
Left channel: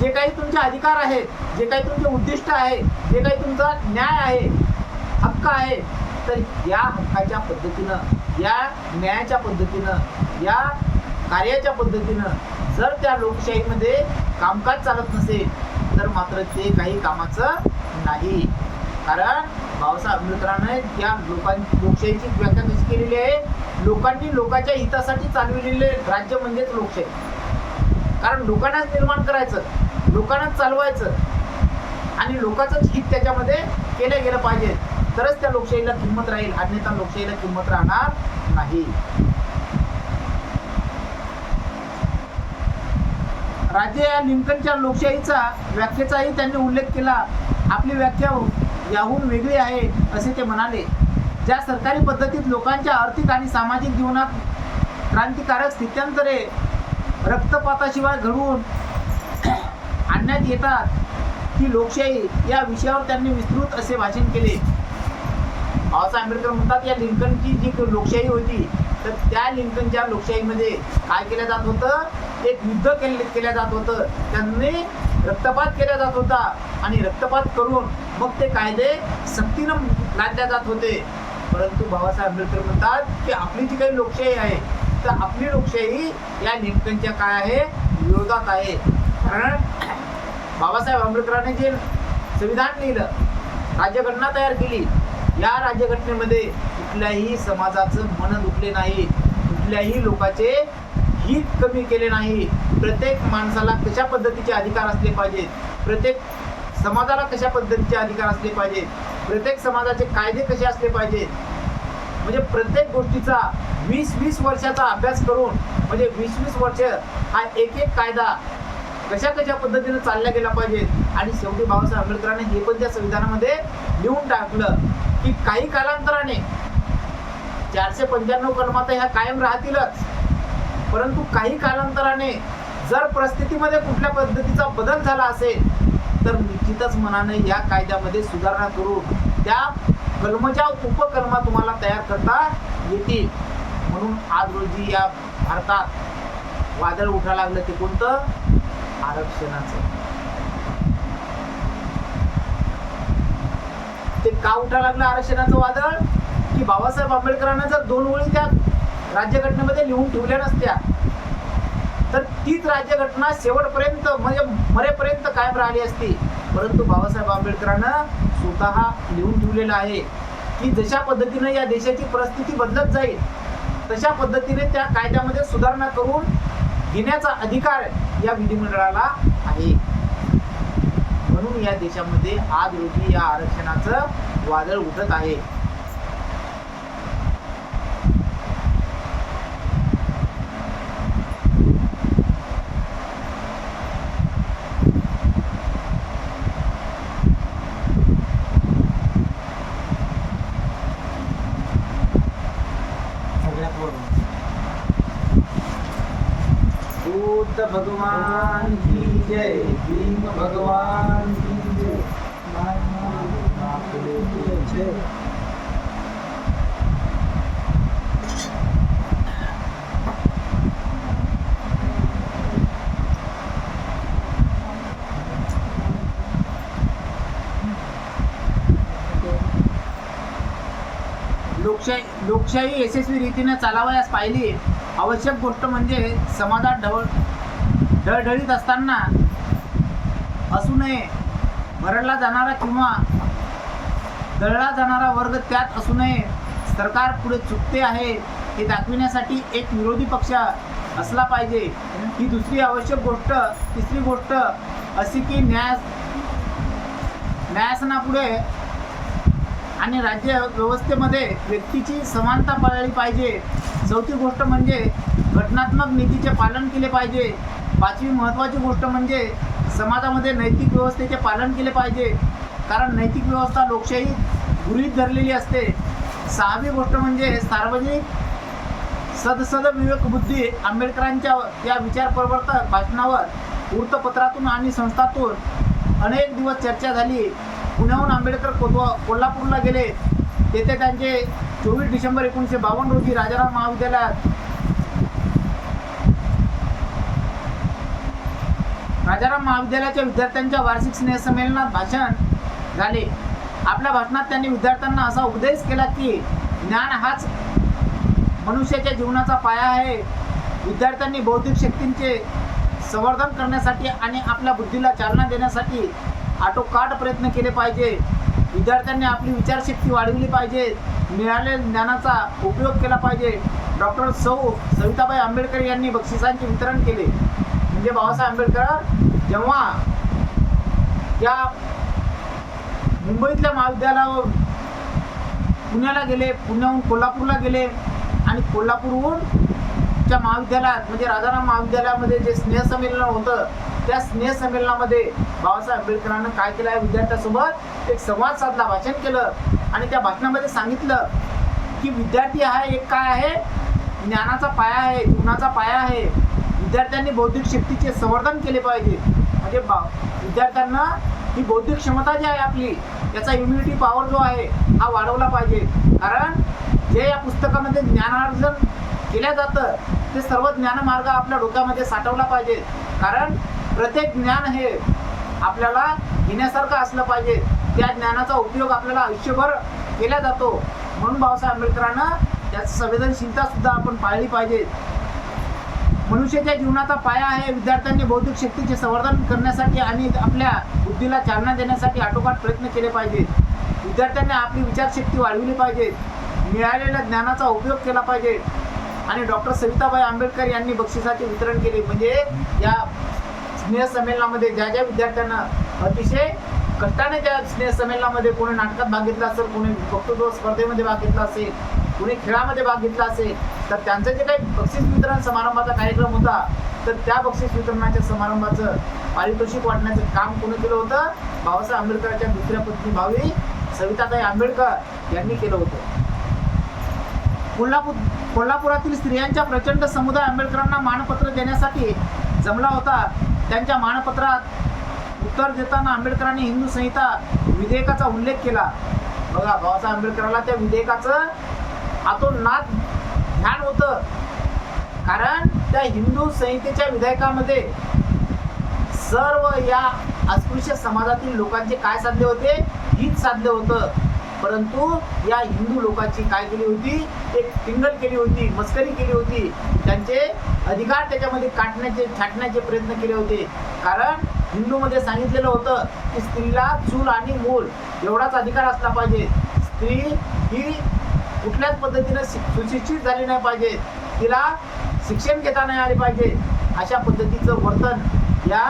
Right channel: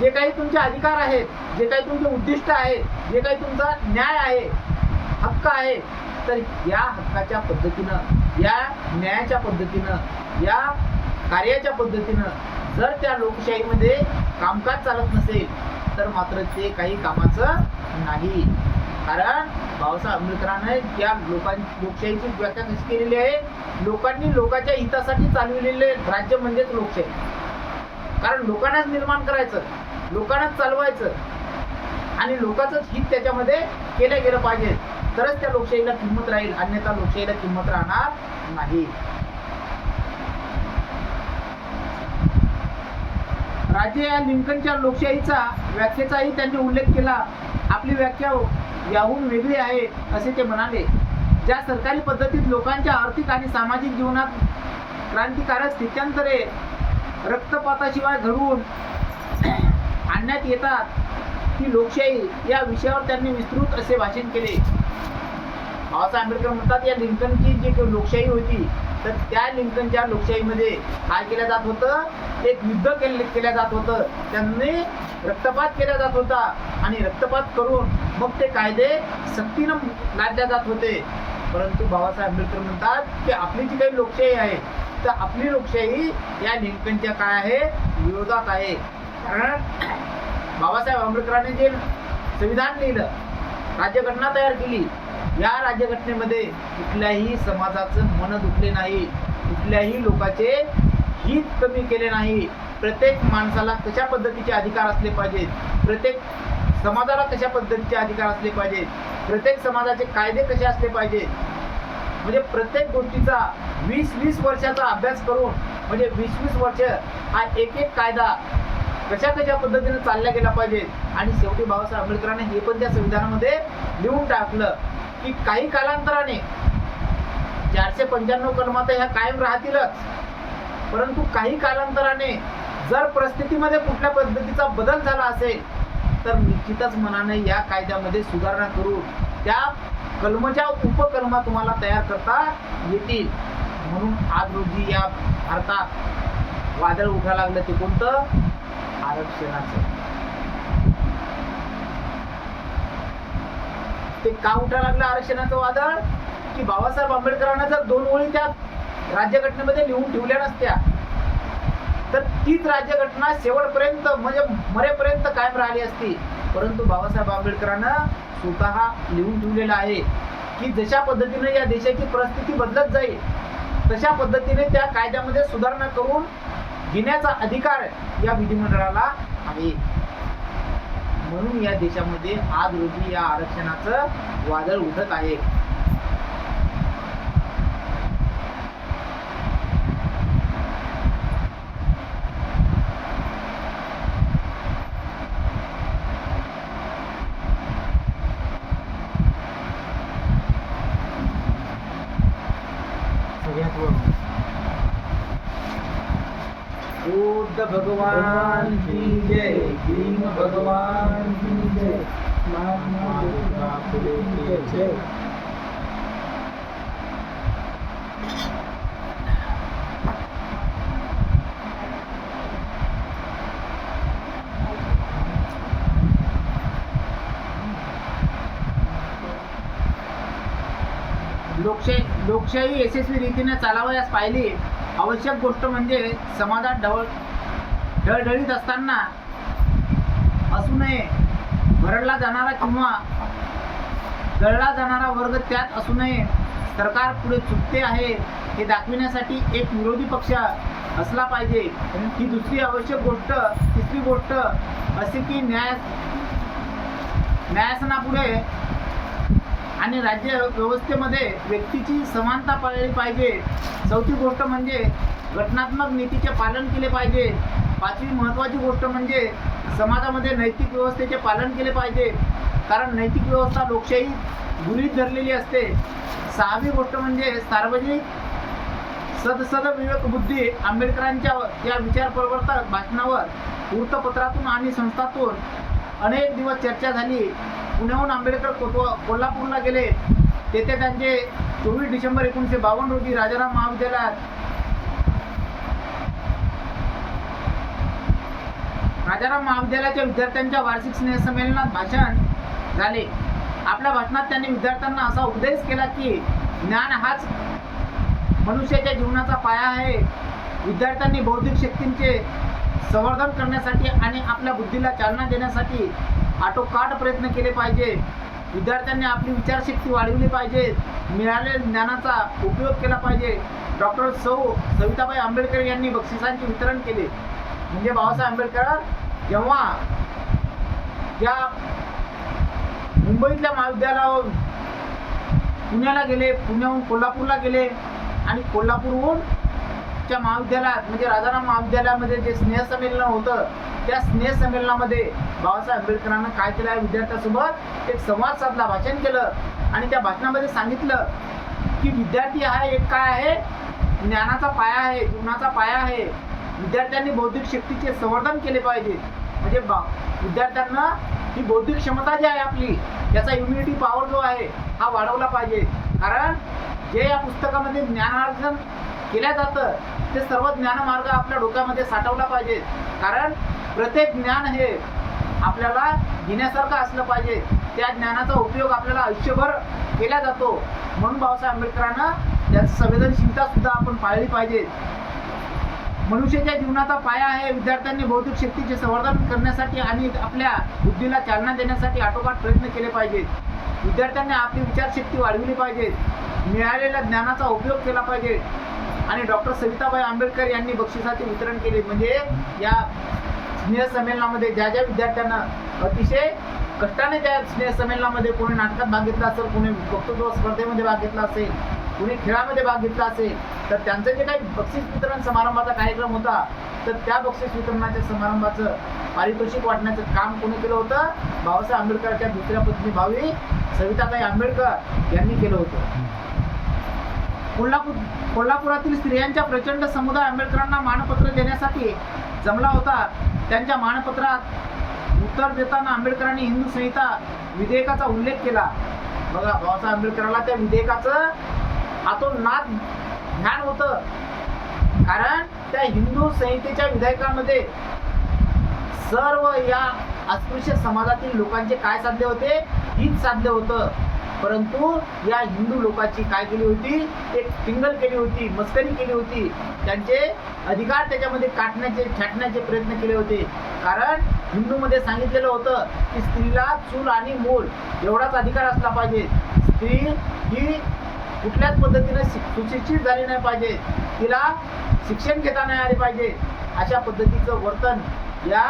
जे काही तुमचे अधिकार आहेत, जे काही तुमचे उद्दिष्ट आहे, जे काही तुमचा न्याय आहे, हक्क आहे, तर या हक्काच्या पद्धतीनं या न्यायाच्या पद्धतीनं, या कार्याच्या पद्धतीनं जर त्या लोकशाहीमध्ये कामकाज चालत नसेल तर मात्र ते काही कामाचं नाही. कारण बाबासाहेब आंबेडकरांनी या लोकशाहीची व्याख्या कशी केलेली आहे, लोकांनी लोकांच्या हितासाठी चालविलेले राज्य म्हणजेच लोकशाही. कारण लोकांनाच निर्माण करायचं, लोकांनाच चालवायचं आणि लोकांचंच हित त्याच्यामध्ये केलं गेलं पाहिजे, तरच त्या लोकशाहीला किंमत राहील, अन्यथा लोकशाहीला किंमत राहणार नाही. राजे या लिंकनच्या लोकशाहीचा व्याख्येचाही त्यांनी उल्लेख केला. आपली व्याख्या याहून वेगळी आहे असे ते म्हणाले. ज्या सरकारी पद्धतीत लोकांच्या आर्थिक आणि सामाजिक जीवनात क्रांतिकारक स्थित्यांतरे रक्तपाताशिवाय घडवून आणण्यात येतात ती लोकशाही, या विषयावर त्यांनी विस्तृत असे भाषण केले. बाबासाहेब आंबेडकर म्हणतात या लिंकनची जी लोकशाही होती तर त्या लिंकनच्या लोकशाहीमध्ये काय केलं जात होतं, एक युद्ध केलं जात होतं, त्यांनी रक्तपात केला जात होता आणि रक्तपात करून मग ते कायदे सक्तीनं लादले जात होते. परंतु बाबासाहेब आंबेडकर म्हणतात की आपली जी काही लोकशाही आहे तर आपली लोकशाही या लिंकनच्या काय आहे, विरोधात आहे. कारण बाबासाहेब आंबेडकरांनी जे संविधान लिहिलं, राज्यघटना तयार केली, या राज्यघटनेमध्ये कुठल्याही समाजाचं मन दुखले नाही, कुठल्याही लोकांचे हित कमी केले नाही. प्रत्येक माणसाला कशा पद्धतीचे अधिकार असले पाहिजेत, प्रत्येक समाजाला कशा पद्धतीचे अधिकार असले पाहिजेत, प्रत्येक समाजाचे कायदे कसे असले पाहिजेत, म्हणजे प्रत्येक गोष्टीचा 20-20 वर्षाचा अभ्यास करून, म्हणजे 20-20 वर्ष हा एक कायदा कशा पद्धतीने चालला गेला पाहिजे. आणि शेवटी बाबासाहेब आंबेडकरांनी हे पण त्या संविधानामध्ये लिहून टाकलं की काही कालांतराने 495 कलमात ह्या कायम राहतीलच, परंतु काही कालांतराने जर परिस्थितीमध्ये कुठल्या पद्धतीचा बदल झाला असेल तर निश्चितच मनाने या कायद्यामध्ये सुधारणा करून त्या कलमाच्या उपकलमा तुम्हाला तयार करता येतील. म्हणून आज रोजी या भारतात वादळ उठायला लागलं, ते कोणतं, आरक्षणाचं. ते का उठायला लागलं आरक्षणाचं वादळ, की बाबासाहेब आंबेडकरांना जर 2 ओळी त्या राज्यघटनेमध्ये लिहून ठेवल्या नसत्या तर तीच राज्यघटना शेवटपर्यंत म्हणजे मरेपर्यंत कायम राहिली असती. परंतु बाबासाहेब आंबेडकरांना स्वतः लिहून ठेवलेलं आहे की जशा पद्धतीने या देशाची परिस्थिती बदलत जाईल तशा पद्धतीने त्या कायद्यामध्ये सुधारणा करून घेण्याचा अधिकार या विधिमंडळाला आहे. म्हणून या देशामध्ये आज रोजी या आरक्षणाचं वादळ उठत आहे. बुद्ध भगवान की जय, भीम भगवान की जय, महात्मा फुले की जय. लोकशाही यशस्वी रीतीने चालवायला पाहिली आवश्यक गोष्ट म्हणजे समाजात ढळढळीत असताना असू नये, भरडला जाणारा किंवा दळला जाणारा वर्ग त्यात असू नये, सरकार पुढे चुकते आहे हे दाखविण्यासाठी एक विरोधी पक्ष असला पाहिजे. ही दुसरी आवश्यक गोष्ट. तिसरी गोष्ट अशी की न्यायासनापुढे आणि राज्य व्यवस्थेमध्ये व्यक्तीची समानता पाळली पाहिजे. चौथी गोष्ट म्हणजे घटनात्मक नीतीचे पालन केले पाहिजे. पाचवी महत्त्वाची गोष्ट म्हणजे समाजामध्ये नैतिक व्यवस्थेचे पालन केले पाहिजे, कारण नैतिक व्यवस्था लोकशाही गृहीत धरलेली असते. सहावी गोष्ट म्हणजे सार्वजनिक सद विवेकबुद्धी. आंबेडकरांच्या या विचारप्रवर्तक भाषणावर वृत्तपत्रातून आणि संस्थातून अनेक दिवस चर्चा झाली. पुण्याहून आंबेडकर कोल्हापूरला गेले. तेथे त्यांचे 24 डिसेंबर 1952 रोजी राजाराम महाविद्यालयाच्या विद्यार्थ्यांच्या वार्षिक स्नेहसंमेलनात भाषण झाले. आपल्या भाषणात त्यांनी विद्यार्थ्यांना असा उपदेश केला की ज्ञान हाच मनुष्याच्या जीवनाचा पाया आहे. विद्यार्थ्यांनी बौद्धिक शक्तींचे संवर्धन करण्यासाठी आणि आपल्या बुद्धीला चालना देण्यासाठी आटोकाट प्रयत्न केले पाहिजे. विद्यार्थ्यांनी आपली विचारशक्ती वाढविली पाहिजे. मिळालेल्या ज्ञानाचा उपयोग केला पाहिजे. डॉक्टर सविताबाई आंबेडकर यांनी बक्षिसांचे वितरण केले. म्हणजे बाबासाहेब आंबेडकर जेव्हा या मुंबईतल्या महाविद्यालयावर पुण्याला गेले, पुण्याहून कोल्हापूरला गेले आणि कोल्हापूरहून च्या महाविद्यालयात म्हणजे राजाराम महाविद्यालयामध्ये जे स्नेहसंमेलन होतं, त्या स्नेहसंमेलनामध्ये बाबासाहेब आंबेडकरांना काय केलं आहे, विद्यार्थ्यांसोबत एक संवाद साधला, भाषण केलं आणि त्या भाषणामध्ये सांगितलं की विद्यार्थी हा एक काय आहे, ज्ञानाचा पाया आहे, जीवनाचा पाया आहे. विद्यार्थ्यांनी बौद्धिक शक्तीचे संवर्धन केले पाहिजे. म्हणजे विद्यार्थ्यांना ही बौद्धिक क्षमता जी आहे आपली, याचा इम्युनिटी पॉवर जो आहे हा वाढवला पाहिजे. कारण जे या पुस्तकामध्ये ज्ञानार्जन केल्या जातं ते सर्व ज्ञानमार्ग आपल्या डोक्यामध्ये साठवला पाहिजे. कारण प्रत्येक ज्ञान हे आपल्याला घेण्यासारखं असलं पाहिजे. त्या ज्ञानाचा उपयोग आपल्याला आयुष्यभर केला जातो. म्हणून बाबासाहेब आंबेडकरांना त्याची संवेदनशीलता सुद्धा आपण पाळली पाहिजे. मनुष्याच्या जीवनाचा पाया आहे. विद्यार्थ्यांनी बौद्धिक शक्तीचे संवर्धन करण्यासाठी आणि आपल्या बुद्धीला चालना देण्यासाठी आटोकाट प्रयत्न केले पाहिजेत. विद्यार्थ्यांनी आपली विचारशक्ती वाढविली पाहिजे. मिळालेल्या ज्ञानाचा उपयोग केला पाहिजे. आणि डॉक्टर सविताबाई आंबेडकर यांनी बक्षिसाचे वितरण केले. म्हणजे या स्नेहसंमेलनामध्ये ज्या ज्या विद्यार्थ्यांना अतिशय कष्टाने त्या स्नेहसंमेलनामध्ये कोणी नाटकात भाग घेतला असेल, कोणी वक्तृत्व स्पर्धेमध्ये भाग घेतला असेल, कोणी खेळामध्ये भाग घेतला असेल, तर त्यांचं जे काही बक्षीस वितरण समारंभाचा कार्यक्रम होता, तर त्या बक्षीस वितरणाच्या समारंभाचं पारितोषिक वाटण्याचं काम कोणी केलं होतं, बाबासाहेब आंबेडकरांच्या दुसऱ्या पत्नी भावी सविताबाई आंबेडकर यांनी केलं होतं. कोल्हापुरातील स्त्रियांच्या प्रचंड समुदाय आंबेडकरांना मानपत्र देण्यासाठी जमला होता. त्यांच्या मानपत्रात उत्तर देताना आंबेडकरांनी हिंदू संहिता विधेयकाचा उल्लेख केला. बघा, बाबासाहेब आंबेडकरांना त्या विधेयकाचं आतोनात ध्यान होतं. कारण त्या हिंदू संहितेच्या विधेयकामध्ये सर्व या अस्पृश्य समाजातील लोकांचे काय साधले होते, हित साधले होतं. परंतु या हिंदू लोकांची काय केली होती, एक टिंगल केली होती, मस्करी केली होती. त्यांचे अधिकार त्याच्यामध्ये छाटण्याचे प्रयत्न केले होते. कारण हिंदूमध्ये सांगितलेलं होतं की स्त्रीला चूल आणि मूल एवढाच अधिकार असला पाहिजे. स्त्री ही कुठल्याच पद्धतीनं सुशिक्षित झाली नाही पाहिजे, तिला शिक्षण घेता नाही आले पाहिजे. अशा पद्धतीचं वर्तन या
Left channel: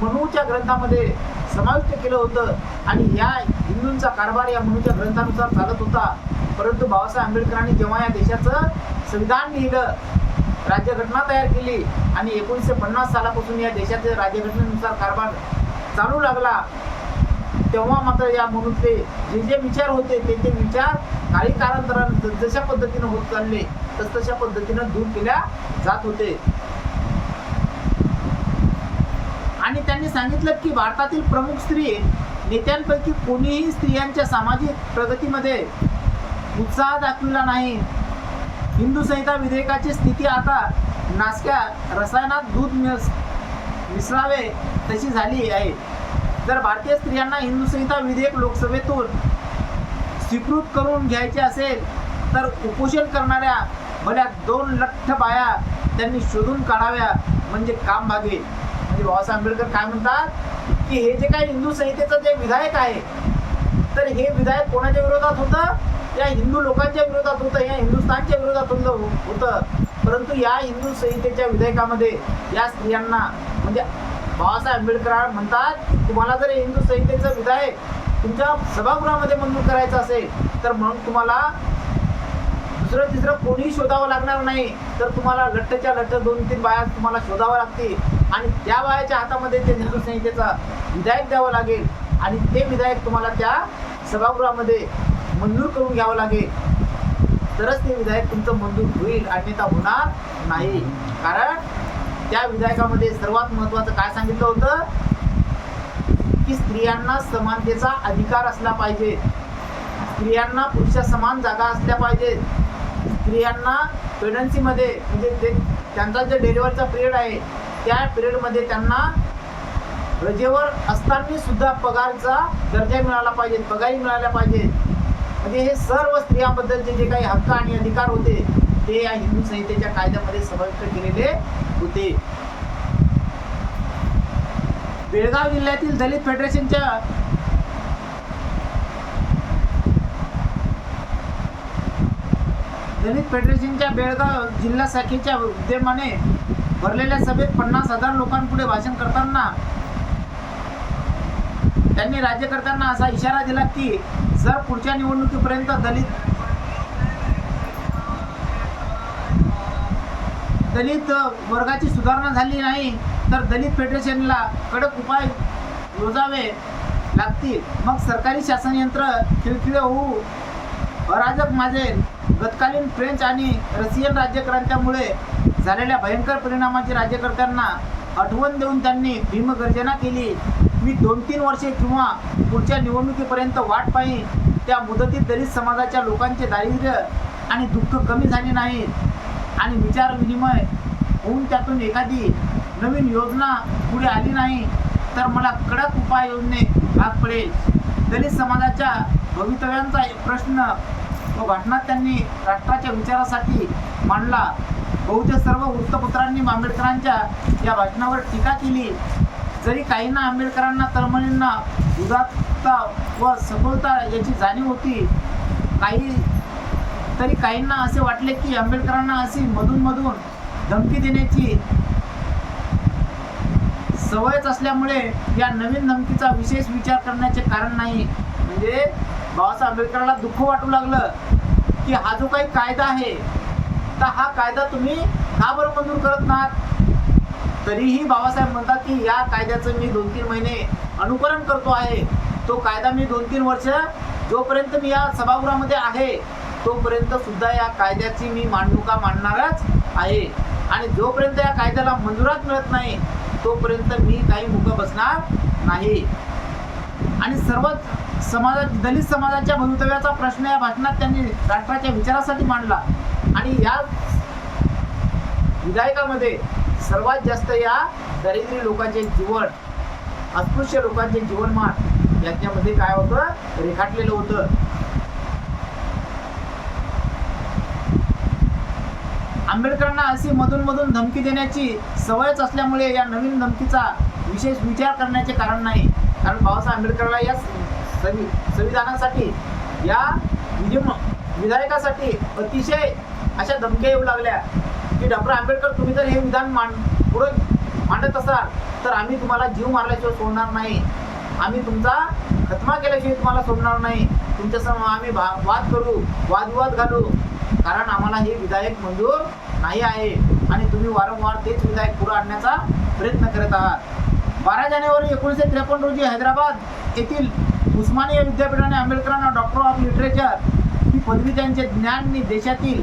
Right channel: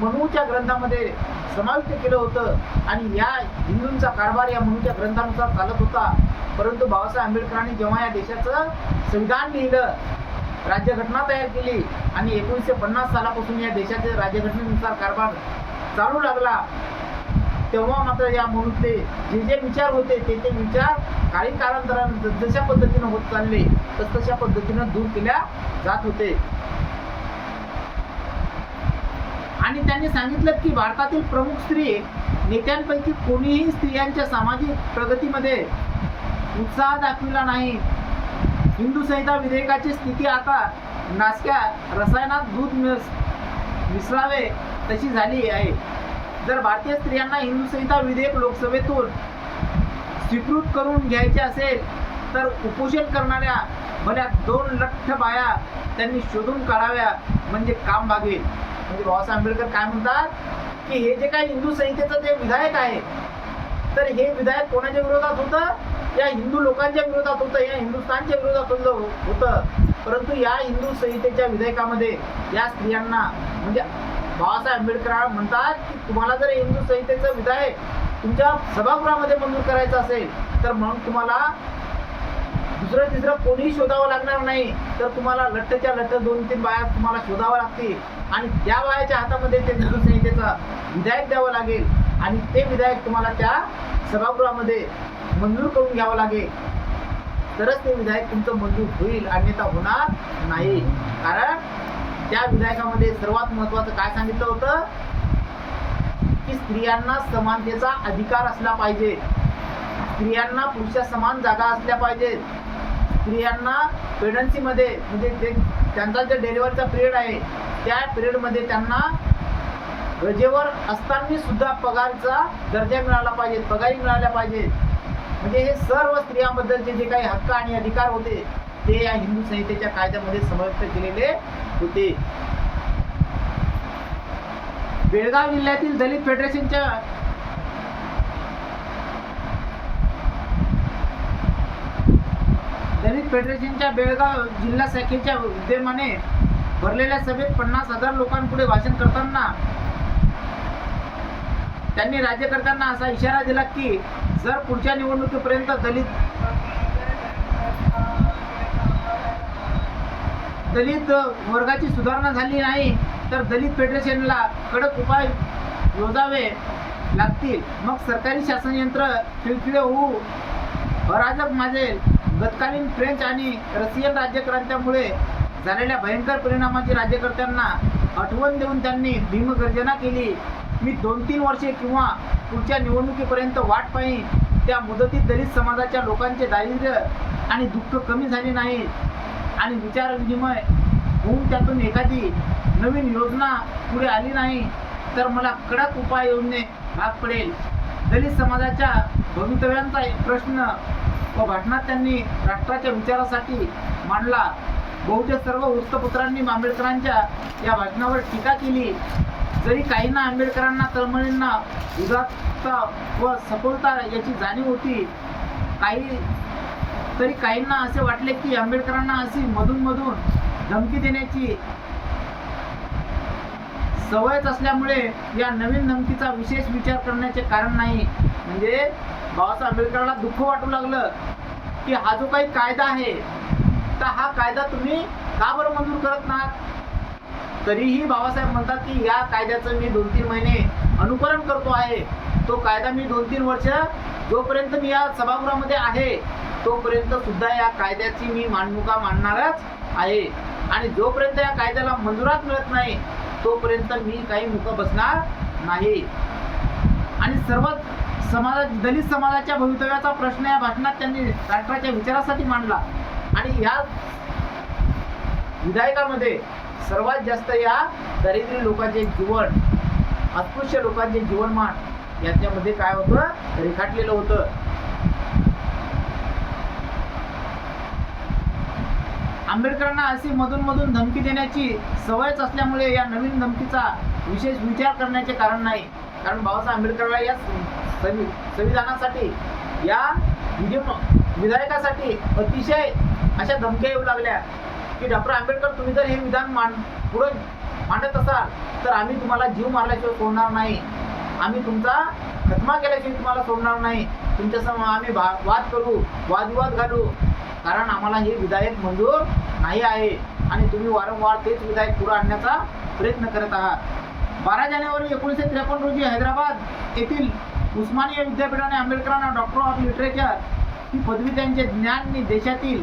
मनूच्या ग्रंथामध्ये समाविष्ट केलं होतं. आणि या हिंदूंचा कारभार या मनूच्या ग्रंथानुसार चालत होता. परंतु बाबासाहेब आंबेडकरांनी जेव्हा या देशाचं संविधान लिहिलं, राज्यघटना तयार केली आणि 1950 सालापासून या देशाच्या राज्यघटनेनुसार कारभार चालू लागला, तेव्हा मात्र या मनूतले जे जे विचार होते ते विचार काही कालांतराने जशा पद्धतीनं होत चालले तशा पद्धतीनं दूर केल्या जात होते. आणि त्यांनी सांगितलं की भारतातील प्रमुख स्त्री नेत्यांपैकी कोणीही स्त्रियांच्या सामाजिक प्रगतीमध्ये उत्साह दाखविला नाही. हिंदू संहिता विधेयकाची स्थिती आता नासक्या रसायनात दूध मिसळावे तशी झाली आहे. जर भारतीय स्त्रियांना हिंदू संहिता विधेयक लोकसभेतून स्वीकृत करून घ्यायचे असेल तर उपोषण करणाऱ्या भल्या 2 लठ्ठ बाया त्यांनी शोधून काढाव्या, म्हणजे काम भागेल. म्हणजे बाबासाहेब आंबेडकर काय म्हणतात की हे जे काही हिंदू संहितेचं जे विधायक आहे, तर हे विधायक कोणाच्या विरोधात होतं, या हिंदू लोकांच्या विरोधात होतं, या हिंदुस्थानच्या विरोधात होतं. परंतु या हिंदू संहितेच्या विधेयकामध्ये या स्त्रियांना, म्हणजे बाबासाहेब आंबेडकर म्हणतात की तुम्हाला जर हिंदू संहितेचं विधायक तुमच्या सभागृहामध्ये मंजूर करायचं असेल तर मग तुम्हाला दुसरं तिसरं कोणीही शोधावं लागणार नाही, तर तुम्हाला लठ्ठच्या लठ्ठ 2-3 बाया तुम्हाला शोधावं लागतील आणि त्या बायाच्या हातामध्ये ते हिंदू संहितेचा विधायक द्यावं लागेल आणि ते विधायक तुम्हाला त्या सभागृहामध्ये मंजूर करून घ्यावं लागेल, तरच ते विधायक तुमचं मंजूर होईल, अन्यथा होणार नाही. कारण त्या विधायकामध्ये सर्वात महत्त्वाचं काय सांगितलं होतं की स्त्रियांना समानतेचा अधिकार असला पाहिजे, स्त्रियांना पुरुषा समान जागा असल्या पाहिजेत, स्त्रियांना प्रेग्नन्सीमध्ये म्हणजे ते त्यांचा जे डिलिव्हरीचा पिरियड आहे त्या पिरियडमध्ये त्यांना रजेवर असताना सुद्धा पगारचा दर्जा मिळाला पाहिजे, पगारी मिळाल्या पाहिजेत. म्हणजे हे सर्व स्त्रियांबद्दलचे जे काही हक्क आणि अधिकार होते ते या हिंदू संहितेच्या कायद्यामध्ये समाविष्ट केलेले होते. बेळगाव जिल्ह्यातील दलित फेडरेशनच्या बेळगाव जिल्हा शाखेच्या विद्यमाने भरलेल्या सभेत 50,000 लोकांपुढे भाषण करताना त्यांनी राज्यकर्त्यांना असा इशारा दिला की जर पुढच्या निवडणुकीपर्यंत दलित वर्गाची सुधारणा झाली नाही तर दलित फेडरेशनला कडक उपाय योजावे लागतील. मग सरकारी शासन यंत्र खिळखिळे होऊ अराजक माजेल. गतकालीन फ्रेंच आणि रशियन राज्यक्रांत्यामुळे झालेल्या भयंकर परिणामाची राज्यकर्त्यांना आठवण देऊन त्यांनी भीमगर्जना केली. मी 2-3 वर्षे किंवा पुढच्या निवडणुकीपर्यंत वाट पाहीन. त्या मुदतीत दलित समाजाच्या लोकांचे दारिद्र्य आणि दुःख कमी झाले नाहीत आणि विचार विनिमय होऊन त्यातून एखादी नवीन योजना पुढे आली नाही तर मला कडक उपाय योजने भाग पडेल. दलित समाजाच्या भवितव्यांचा प्रश्न व भाषणात त्यांनी राष्ट्राच्या विचारासाठी मांडला. बहुतेक सर्व वृत्तपत्रांनी आंबेडकरांच्या या भाषणावर टीका केली. जरी काहींना आंबेडकरांना तळमळींना उदात्तता व सखोलता याची जाणीव होती, तरी काहींना असे वाटले की आंबेडकरांना अशी मधून धमकी देण्याची सवयच असल्यामुळे या नवीन धमकीचा विशेष विचार करण्याचे कारण नाही. म्हणजे बाबासाहेब आंबेडकरांना दुःख वाटू लागलं की हा जो काही कायदा आहे तर हा कायदा तुम्ही का बरं मंजूर करत नाहीत. तरीही बाबासाहेब म्हणतात की या कायद्याचं मी 2-3 महिने अनुकरण करतो आहे. तो कायदा मी 2-3 वर्ष जोपर्यंत मी या सभागृहामध्ये आहे तोपर्यंत सुद्धा या कायद्याची मी मांडणुका मांडणारच आहे आणि जोपर्यंत या कायद्याला मंजुरात मिळत नाही तोपर्यंत मी काही मुख बसणार नाही. आणि सर्व दलित समाजाच्या भवितव्याचा प्रश्न या भाषणात त्यांनी राष्ट्राच्या विचारासाठी मांडला. आणि या विधायकामध्ये सर्वात जास्त या दारिद्र्य लोकांचे जीवन, अस्पृश्य लोकांचे जीवनमान याच्यामध्ये काय होतं, रेखाटलेलं होतं. आंबेडकरांना अशी मधून धमकी देण्याची सवयच असल्यामुळे या नवीन धमकीचा विशेष विचार करण्याचे कारण नाही. कारण बाबासाहेब आंबेडकरला या संविधानासाठी या विधायकासाठी अतिशय अशा धमक्या येऊ लागल्या की डॉक्टर आंबेडकर तुम्ही जर हे विधान पुढे मांडत असाल तर आम्ही तुम्हाला जीव मारल्याशिवाय सोडणार नाही, आम्ही तुमचा खतमा केल्याशिवाय तुम्हाला सोडणार नाही, तुमच्यासमोर आम्ही वाद करू, वादविवाद घालू, कारण आम्हाला हे विधायक मंजूर नाही आहे आणि तुम्ही वारंवार तेच विधायक पुढे आणण्याचा प्रयत्न करत आहात. 12 जानेवारी 1953 रोजी हैदराबाद येथील उस्मानिया विद्यापीठाने आंबेडकरांना डॉक्टर ऑफ लिटरेचर ही पदवी त्यांचे ज्ञान आणि देशातील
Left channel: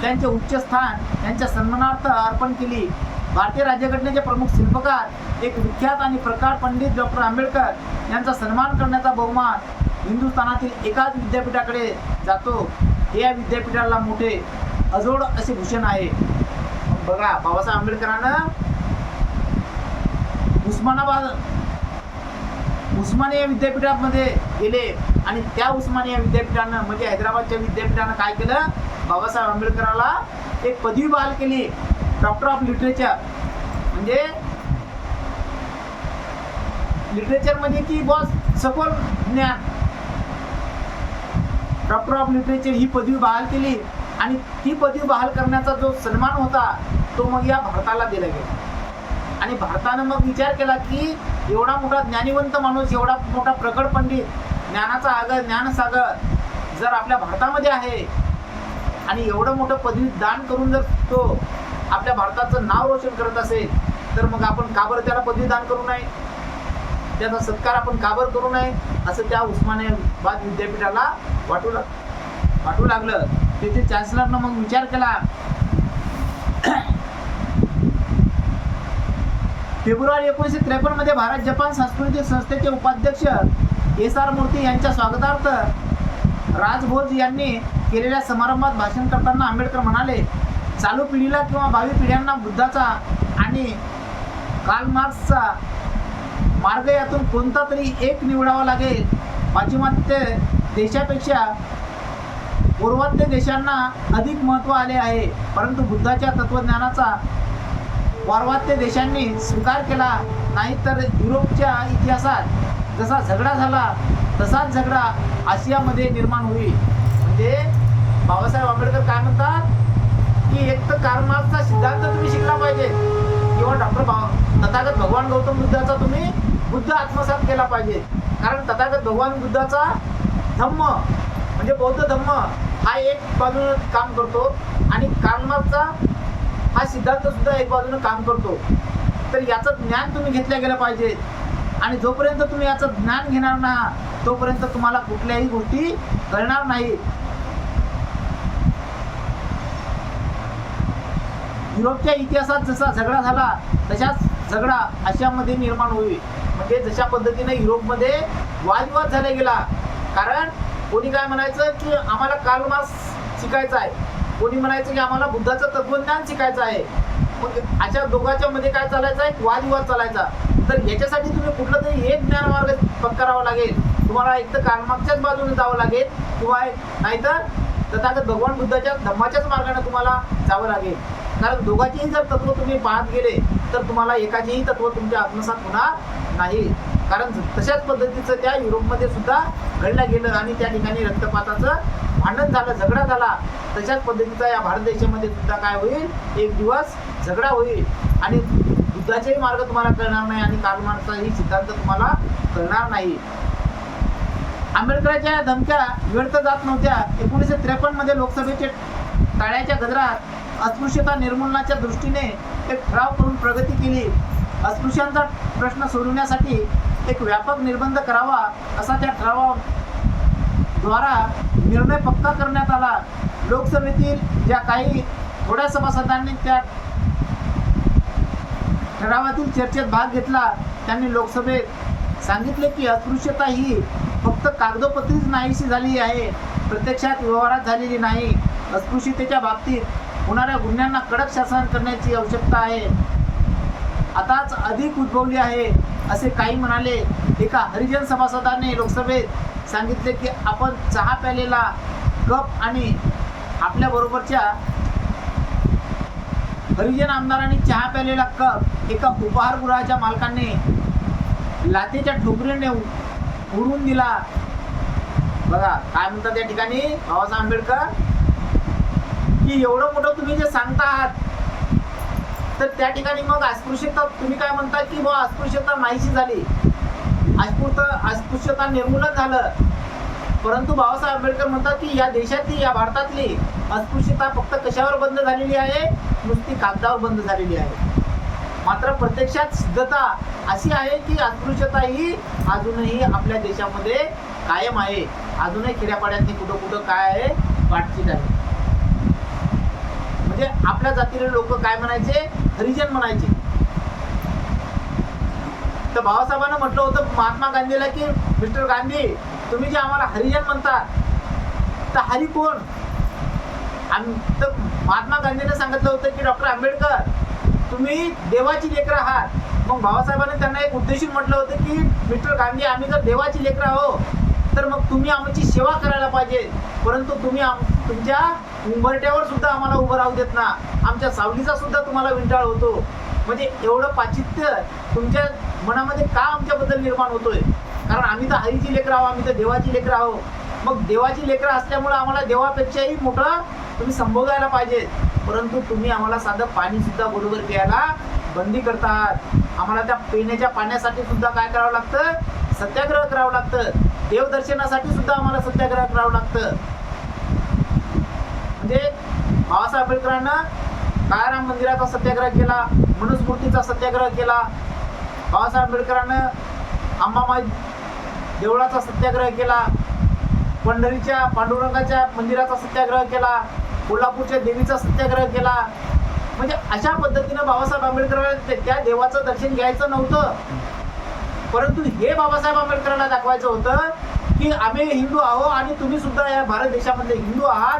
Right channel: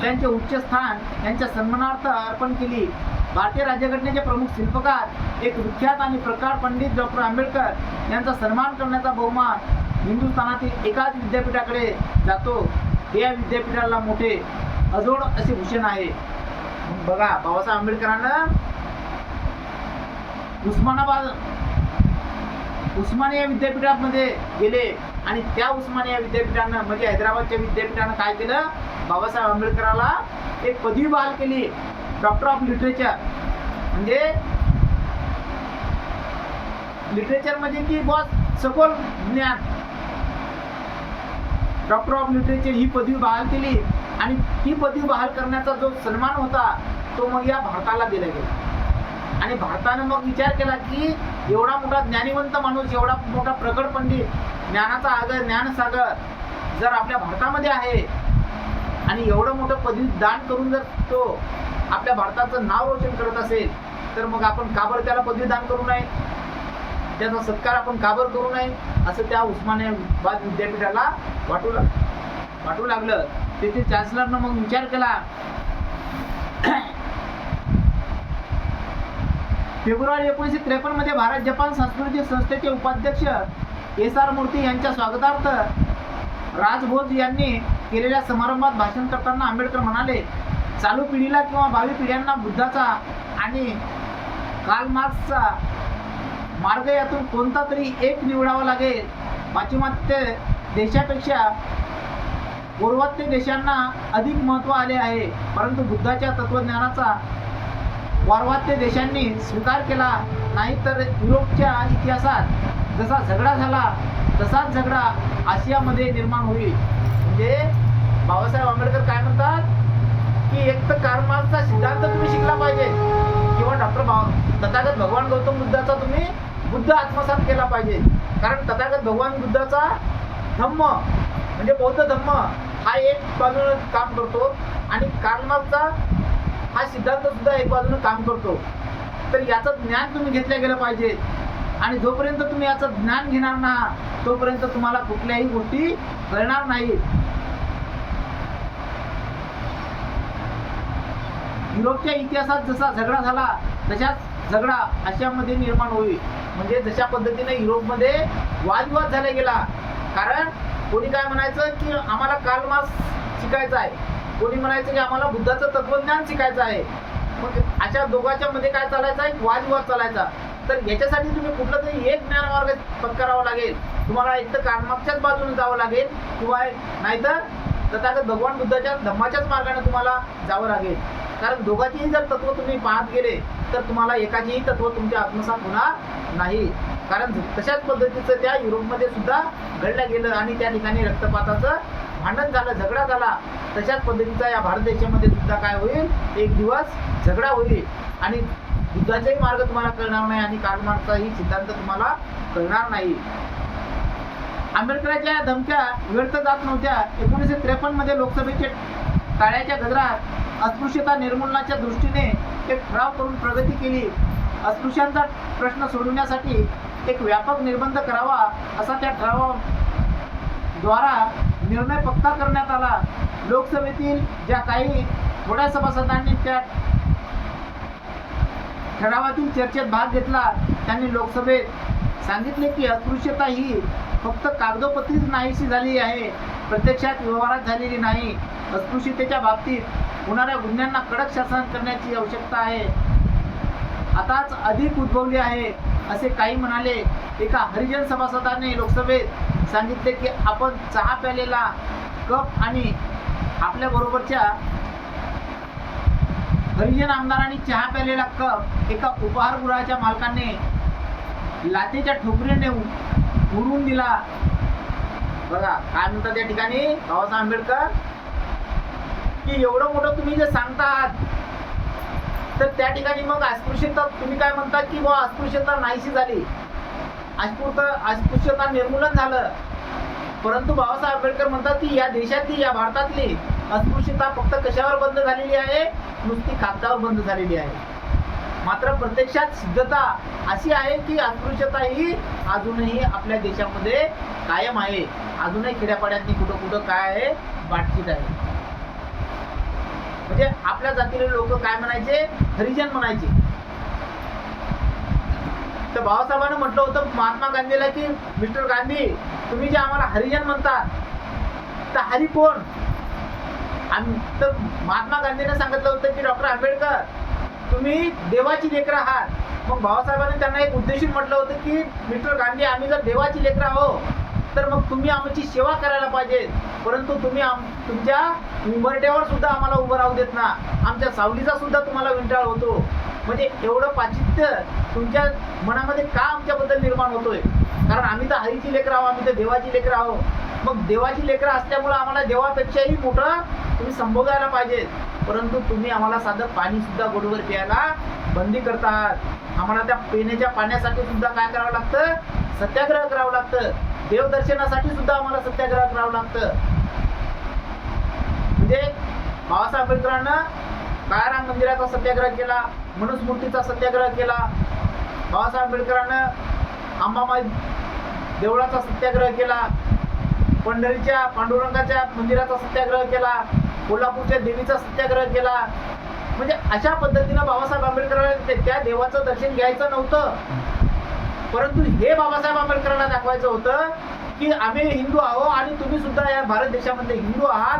त्यांचे उच्च स्थान यांच्या सन्मानार्थ अर्पण केली. भारतीय राज्यघटनेचे प्रमुख शिल्पकार एक विख्यात आणि प्रकार पंडित डॉक्टर आंबेडकर यांचा सन्मान करण्याचा बहुमान हिंदुस्थानातील एकाच विद्यापीठाकडे जातो. हे या विद्यापीठाला मोठे अजोड असे भूषण आहे. बघा, बाबासाहेब आंबेडकरांना उस्मानिया विद्यापीठामध्ये गेले आणि त्या उस्मानिया विद्यापीठानं म्हणजे हैदराबादच्या विद्यापीठानं काय केलं, बाबासाहेब आंबेडकराला एक पदवी बहाल केली, डॉक्टर ऑफ लिटरेचर. म्हणजे लिटरेचर म्हणजे की बॉस सखोल ज्ञान, डॉक्टर ऑफ लिटरेचर ही पदवी बहाल केली आणि ती पदवी बहाल करण्याचा जो सन्मान होता तो मग या भारताला दिला गेला. आणि भारतानं मग विचार केला की एवढा मोठा ज्ञानिवंत माणूस, एवढा मोठा प्रगड पंडित, ज्ञानाचा आगर, ज्ञानसागर जर आपल्या भारतामध्ये आहे आणि एवढं मोठं पदवी दान करून जर तो आपल्या भारताचं नाव रोशन करत असेल तर मग आपण का बरं त्याला पदवी दान करू नये, त्याचा सत्कार आपण का बरं करू नये, असं त्या उस्मानियाबाद विद्यापीठाला वाटू लागलं. तेथील चान्सलरनं मग विचार केला. फेब्रुवारी 1953 मध्ये भारत जपान सांस्कृतिक संस्थेचे उपाध्यक्ष एस.आर. मूर्ती यांच्या स्वागतार्थ राजभोज यांनी केलेल्या समारंभात भाषण करताना आंबेडकर म्हणाले, चालू पिढीला किंवा भावी पिढ्यांना बुद्धाचा आणि कार्ल मार्क्सचा मार्ग यातून कोणता तरी एक निवडावा लागेल. पाश्चिमात्य देशापेक्षा पूर्वोत्तर देशांना अधिक महत्त्व आले आहे, परंतु बुद्धाच्या तत्वज्ञानाचा वार्वात्य देशांनी स्वीकार केला नाही. तर युरोपच्या इतिहासात जसा झगडा झाला तसाच झगडा आशियामध्ये निर्माण होईल. म्हणजे बाबासाहेब आंबेडकर काय म्हणतात की एक तर कार्ल मार्क्सचा सिद्धांत तुम्ही शिकला पाहिजे किंवा तथागत भगवान गौतम बुद्धाचा तुम्ही बुद्ध आत्मसात केला पाहिजे. कारण तथागत भगवान बुद्धाचा धम्म म्हणजे बौद्ध धम्म हा एक बाजूने काम करतो आणि कार्ल मार्क्सचा हा सिद्धांत सुद्धा एक बाजूने काम करतो. तर याचं ज्ञान तुम्ही घेतलं गेलं पाहिजे आणि जोपर्यंत तुम्ही याचं ज्ञान घेणार ना तोपर्यंत तुम्हाला कुठल्याही गोष्टी कळणार नाही. युरोपच्या इतिहासात जसा झगडा झाला तशाच झगडा आशियामध्ये निर्माण होईल. म्हणजे जशा पद्धतीने युरोपमध्ये वादविवाद झाला गेला. कारण कोणी काय म्हणायचं की आम्हाला कार्ल मार्क्स शिकायचा आहे, कोणी म्हणायचं की आम्हाला बुद्धाचं तत्वज्ञान शिकायचं आहे. मग अशा दोघांच्या मध्ये काय चालायचा, एक वादविवाद चालायचा. तर याच्यासाठी तुम्ही कुठलं तरी एक ज्ञानमार्ग पत्करावा लागेल. तुम्हाला एक तर कार्ल मार्क्सच्याच बाजूने जावं लागेल किंवा नाहीतर तथागत भगवान बुद्धाच्या धम्माच्याच मार्गाने तुम्हाला जावं लागेल. कारण दोघांचेही जर तत्व तुम्ही पाहत गेले तर तुम्हाला एकाचेही तत्व तुमच्या आत्मसात होणार नाही. कारण तशाच पद्धतीचं त्या युरोपमध्ये सुद्धा घडलं गेलं आणि त्या ठिकाणी रक्तपाताचं भांडण झालं, झगडा झाला. तशाच पद्धतीचा या भारत देशामध्ये सुद्धा काय होईल, एक दिवस झगडा होईल आणि बुद्धाचाही मार्ग तुम्हाला कळणार नाही आणि कार्ल मार्क्सचाही सिद्धांत तुम्हाला कळणार नाही. आंबेडकरांच्या या धमक्या व्यर्थ जात नव्हत्या. 1953 मध्ये लोकसभेचे टाळ्याच्या गजरात अस्पृश्यता निर्मूलनाच्या दृष्टीने एक ठराव करून प्रगती केली. अस्पृश्यांचा प्रश्न सोडवण्यासाठी एक व्यापक निर्बंध करावा असा त्या ठरावाद्वारा निर्णय पक्का करण्यात आला. लोकसभेतील ज्या काही थोड्या सभासदांनी त्या ठरावातील चर्चेत भाग घेतला त्यांनी लोकसभेत सांगितले की अस्पृश्यता ही फक्त कागदोपत्रीच नाहीशी झाली आहे, प्रत्यक्षात व्यवहारात झालेली नाही. अस्पृश्यतेच्या बाबतीत होणाऱ्या गुन्ह्यांना कडक शासन करण्याची आवश्यकता आहे, आताच अधिक उद्भवली आहे असे काही म्हणाले. एका हरिजन सभासदाने लोकसभेत सांगितले की आपण चहा प्यालेला कप आणि आपल्या बरोबरच्या हरिजन आमदारांनी चहा प्यालेला कप एका उपहारगृहाच्या मालकाने लाथेच्या ठोकरीने उडवून दिला. बघा काय म्हणतात त्या ठिकाणी बाबासाहेब आंबेडकर की एवढं मोठं तुम्ही जे सांगता आहात तर त्या ठिकाणी मग अस्पृश्यता तुम्ही काय म्हणता की बा अस्पृश्यता नाहीशी झाली, अस्पृश्यता निर्मूलन झालं. परंतु बाबासाहेब आंबेडकर म्हणतात की या देशातली, या भारतातली अस्पृश्यता फक्त कशावर बंद झालेली आहे, नुसती कागदावर बंद झालेली आहे. मात्र प्रत्यक्षात सिद्धता अशी आहे की अस्पृश्यता ही अजूनही आपल्या देशामध्ये कायम आहे. अजूनही खेड्यापाड्यातनी कुठं कुठं काय आहे, बातचीत आहे. म्हणजे आपल्या जातीचे लोक काय म्हणायचे, हरिजन म्हणायचे. तर बाबासाहेबांना म्हटलं होतं महात्मा गांधीला की मिस्टर गांधी तुम्ही जे आम्हाला हरिजन म्हणतात तर हरी कोण. तर महात्मा गांधीने सांगितलं होतं की डॉक्टर आंबेडकर तुम्ही देवाची लेकरं आहात. मग बाबासाहेबांनी त्यांना एक उद्देशून म्हटलं होतं की मिस्टर गांधी आम्ही जर देवाची लेकरं आहो तर मग तुम्ही आमची सेवा करायला पाहिजे, परंतु तुम्ही तुमच्या उंबरट्यावर सुद्धा आम्हाला उभं राहू देत ना, आमच्या सावलीचा सुद्धा तुम्हाला विंटाळ होतो. म्हणजे एवढं पाचित्य तुमच्या मनामध्ये का आमच्याबद्दल निर्माण होतोय. कारण आम्ही तर हरीची लेकरं आहो, आम्ही तर देवाची लेकरं आहो. मग देवाची लेकरं असल्यामुळे आम्हाला देवापेक्षाही मोठं तुम्ही संभोगायला पाहिजे, परंतु तुम्ही आम्हाला साधं पाणी सुद्धा बरोबर प्यायला बंदी करतात. आम्हाला त्या पिण्याच्या पाण्यासाठी सुद्धा काय करावं लागतं, सत्याग्रह करावं लागतं. देवदर्शनासाठी सुद्धा आम्हाला सत्याग्रह करावं लागतं. म्हणजे बाबासाहेब आंबेडकरांना काळाराम मंदिराचा सत्याग्रह केला, मनुस्मृतीचा सत्याग्रह केला. बाबासाहेब आंबेडकरांना अंबामाई देवळाचा सत्याग्रह केला, पंढरीच्या पांडुरंगाच्या मंदिराचा सत्याग्रह केला, कोल्हापूरच्या देवीचा सत्याग्रह केला. म्हणजे अशा पद्धतीनं बाबासाहेब आंबेडकरांना त्या देवाचं दर्शन घ्यायचं नव्हतं, परंतु हे बाबासाहेब आंबेडकरांना दाखवायचं होतं की आम्ही हिंदू आहो आणि तुम्ही सुद्धा या भारत देशामधले हिंदू आहात,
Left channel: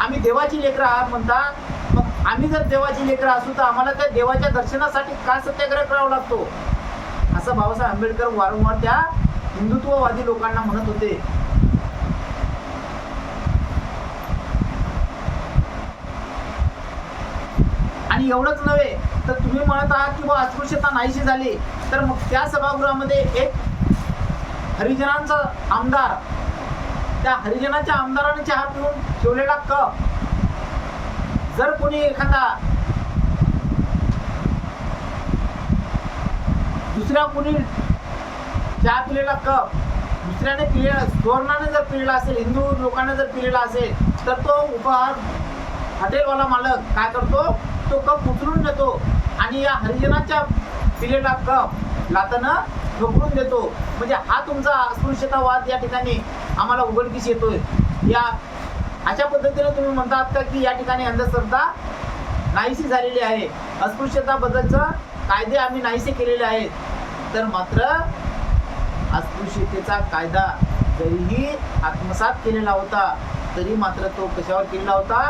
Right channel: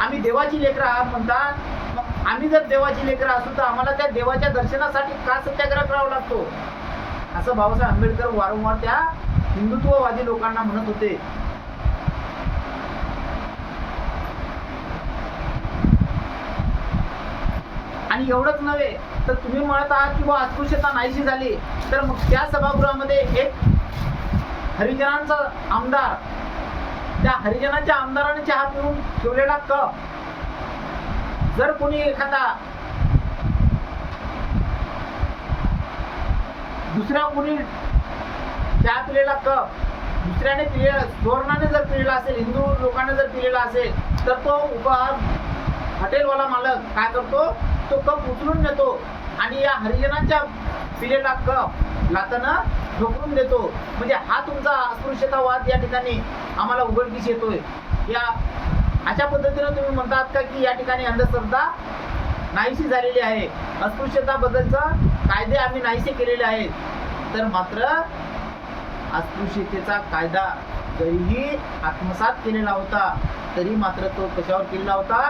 आम्ही देवाची लेकरं आहात म्हणतात. मग आम्ही जर देवाची लेकरं असू तर आम्हाला त्या देवाच्या दर्शनासाठी का सत्याग्रह करावा लागतो, असं बाबासाहेब आंबेडकर वारंवार त्या हिंदुत्ववादी लोकांना म्हणत होते. आणि एवढंच नव्हे तर तुम्ही म्हणत आहात की बुवा अस्पृश्यता नाहीशी झाली, तर मग त्या सभागृहामध्ये एक हरिजनांचा आमदार, त्या हरिजनाच्या आमदाराने चहा पिऊन ठेवलेला कप जर कोणी एखादा दुसऱ्या कोणी चहा पिलेला कप दुसऱ्याने पिलेला, सुवर्णाने जर पिलेला असेल, हिंदू लोकांनी जर पिलेला असेल, तर तो उपहार हॉटेलवाला मालक काय करतो, तो कप उचलून नेतो आणि या हरिजनांच्या पिलेला कप लातानं ठोकरून देतो. म्हणजे हा तुमचा अस्पृश्यतावाद या ठिकाणी आम्हाला उघडकीस येतोय. या अशा पद्धतीने तुम्ही म्हणतात का की या ठिकाणी अंधश्रद्धा नाहीशी झालेली आहे, अस्पृश्यताबद्दलचं कायदे आम्ही नाहीसे केलेले आहेत. तर मात्र अस्पृश्यतेचा कायदा जरीही आत्मसात केलेला होता, तरी मात्र तो कशावर केलेला होता,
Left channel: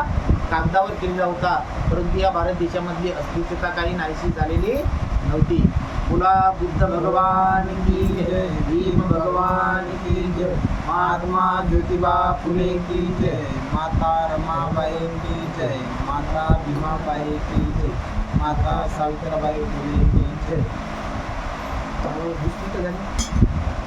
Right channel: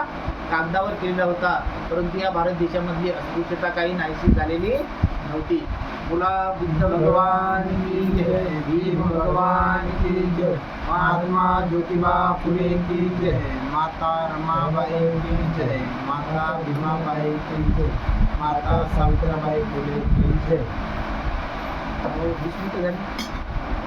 कागदावर केलेला होता. परंतु या भारत देशामधली अस्पृश्यता काही नाहीशी झालेली नव्हती. बोला बुद्ध भगवान की जय, भीम भगवान की जय, महात्मा ज्योतिबा फुले की जय, माता रमाबाई की जय, माता भीमाबाई की जय, माता सावित्रीबाई फुले की जय. 20 मिनिटं झाली.